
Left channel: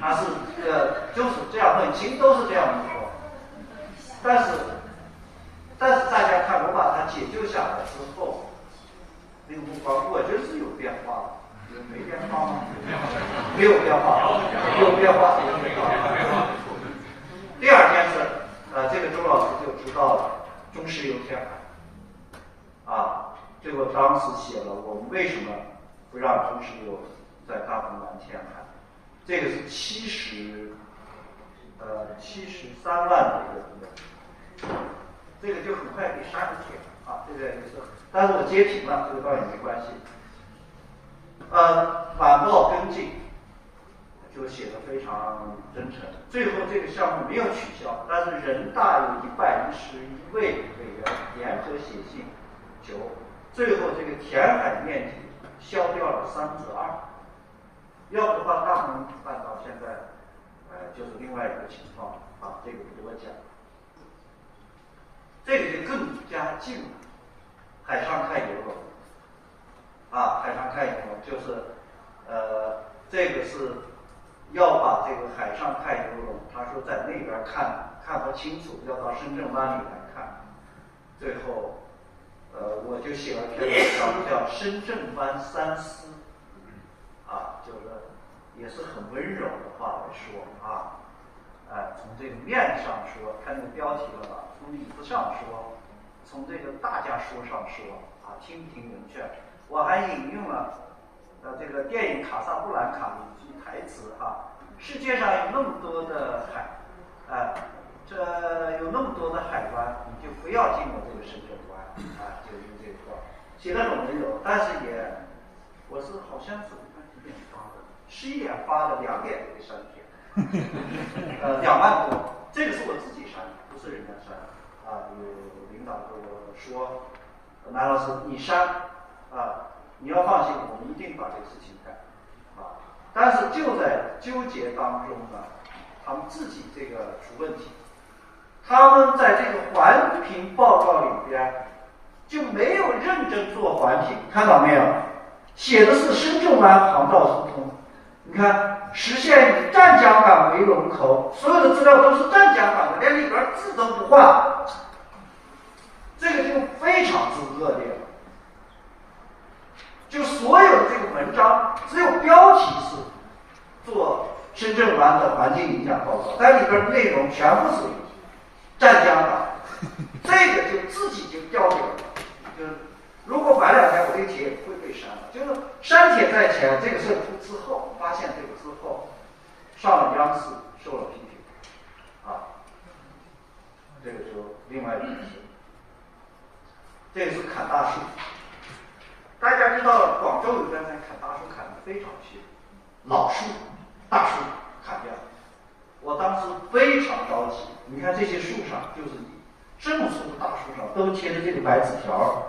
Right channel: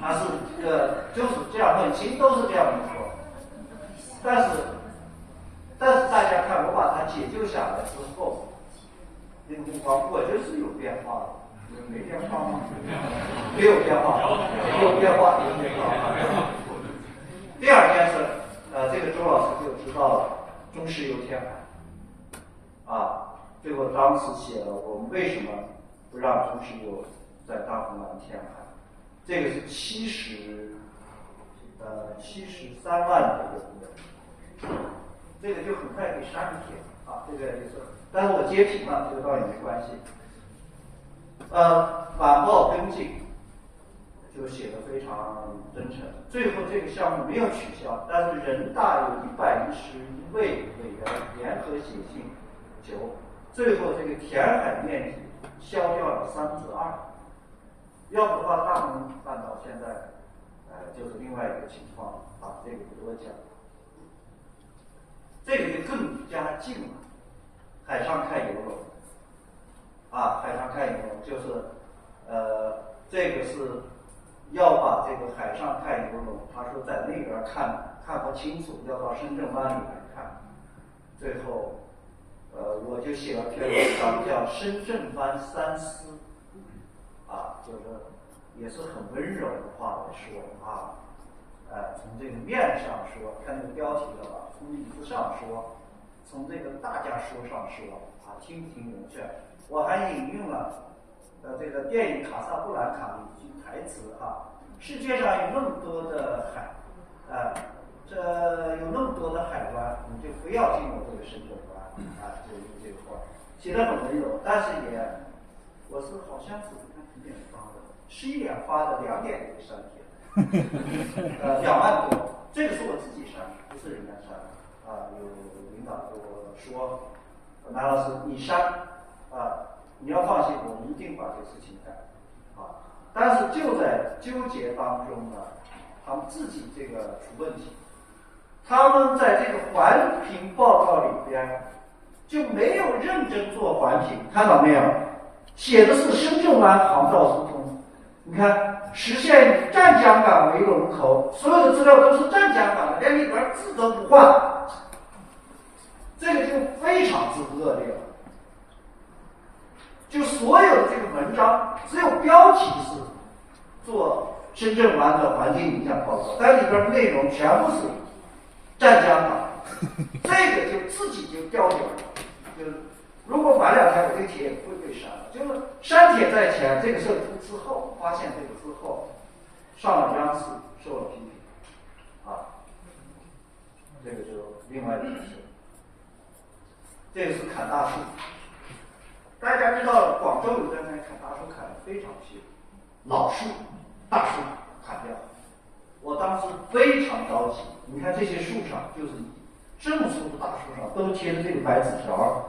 它是就是这样，猛禽都是这样的目光。但是大家看，我把它解救下来之后，那个目光我觉得是有变化的。”没变化吗？没有变化，有变化。第二件事，这个周老师就知道了中石油填海结果当时写了我们为什么不让中石油在大鹏湾填海，这个是73万的一个股本，这个就很快给删除了这个就是，但是我截屏了，这个倒也没关系。晚报跟进就写得非常真诚，最后这个项目没有取消，但是人大有111位委员联合写信求，最后这个填海面积消掉了2/3，要不的话大鹏半岛现在就是另外一个情况这个不多讲。这个就更加近了，海上看游龙海上看游龙就是这个是要把这个海上看游龙，他说在那边看不清楚，要到深圳湾里来看。最后，我就写了篇文章叫《深圳湾三思》，就是也是很温柔的话来说啊，从这个面上说，看那个标题了吧？从理子上说，从这个大家说上说啊，听不听明确？我还引用了这个电影《卡萨布兰卡》里一句台词啊，世界上有那么多的海，这有那么多的海湾，你就不要进入这个深圳湾啊，就用这个话，写得很温柔，但是也，我是好像是几点发的，11点发的，2点就给删帖，2万多，这个是我自己删的，不是人家删的啊，有领导跟我说，南老师你删啊，你要放心，我们一定把这个事情改啊，但是就在纠结当中呢，他们自己这个出问题。他们在这个环评报告里边就没有认真做环评，看到没有？写的是深圳湾航道疏通，你看实现以湛江港为龙头，所有的资料都是湛江港的，连里边字都不换，这个就非常之恶劣了。就所有的这个文章，只有标题是做深圳湾的环境影响报告，但里边的内容全部是湛江港，这个就自己就掉掉了。就是如果晚2天，我这帖也不会被删了。就是删帖在前，这个事出之后，发现这个之后，上了央视，受了批评，这个就另外一回事。这个是砍大树，大家知道广州有段时间砍大树砍得非常凶，老树、大树砍掉。我当时非常着急，你看这些树上，就是这么粗的大树上都贴着这个白纸条，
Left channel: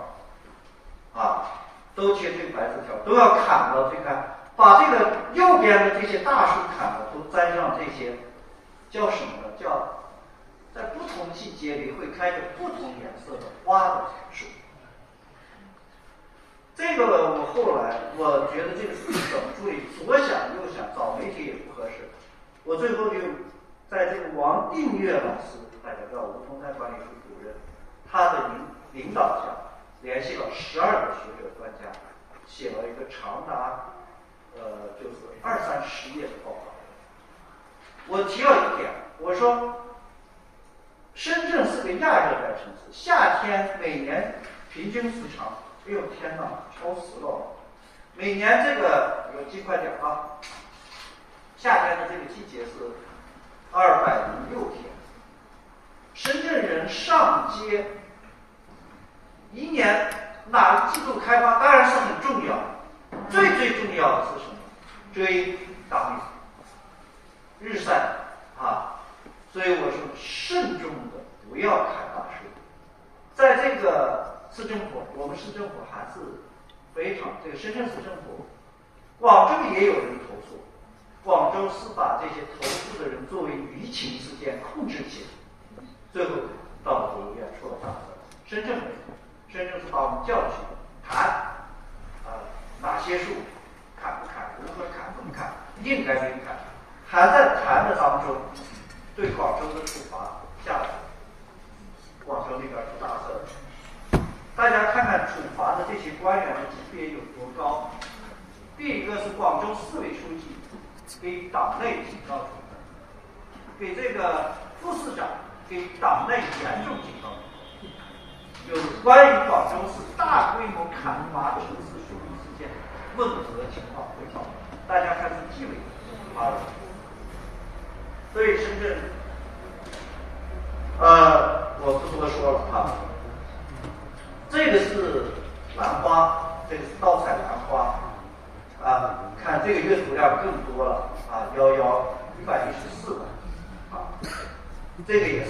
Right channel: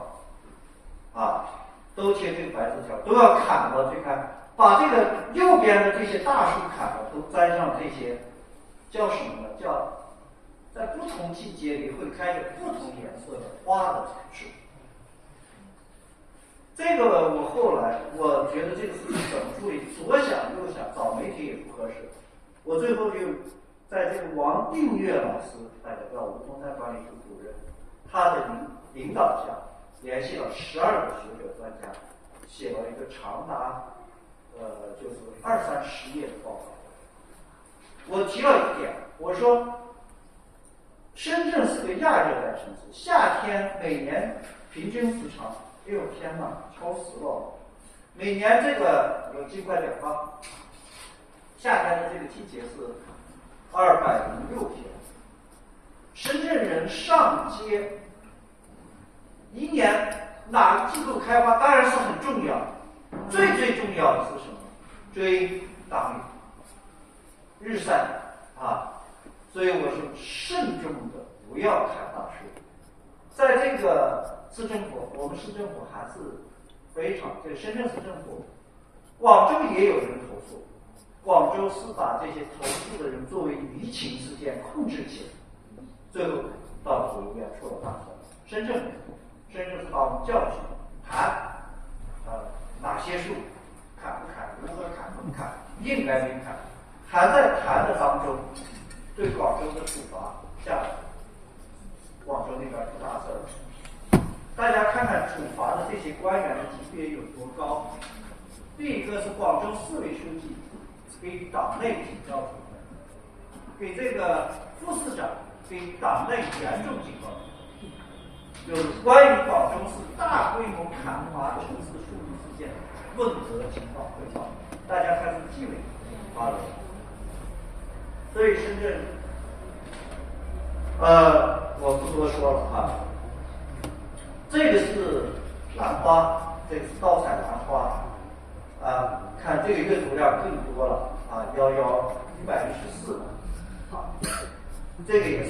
都贴这个白纸条，都要砍了。这看，把这个右边的这些大树砍了，都栽上这些叫什么呢？叫在不同季节里会开着不同颜色的花的树。这个我后来我觉得这个事情怎么处理，左想右想，找媒体也不合适。我最后就在这个王定岳老师，大家知道梧桐山管理处主任，他的领导下，联系了12个学者专家，写了一个长达就是20-30页的报告。我提了一点，我说深圳是个亚热带城市，夏天每年平均时长，哎呦天哪，超时了。每年这个我记快点啊，夏天的这个季节是206天。深圳人上街，一年哪个季度开发当然是很重要，最重要的是什么？追大雨、日晒所以我说慎重的不要砍大树。在这个市政府，我们市政府还是非常，这个深圳市政府，广州也有人投诉，广州是把这些投诉的人作为舆情事件控制起来，最后到了国务院出了大事。深圳没有，深圳是把我们叫去谈哪些树砍不砍，如何砍不砍，应该没砍，还在谈的当中，对广州的处罚下来，广州那边出大事了。大家看看处罚的这些官员的级别有多高。第一个是广州市委书记给党内警告处分，给这个副市长给党内严重警告处分。有关于广州市大规模砍伐城市树木事件问责情况汇报，大家看是纪委发的。所以深圳，我不多说了这个是兰花，这个是盗采兰花看这个阅读量更多了114了这个也是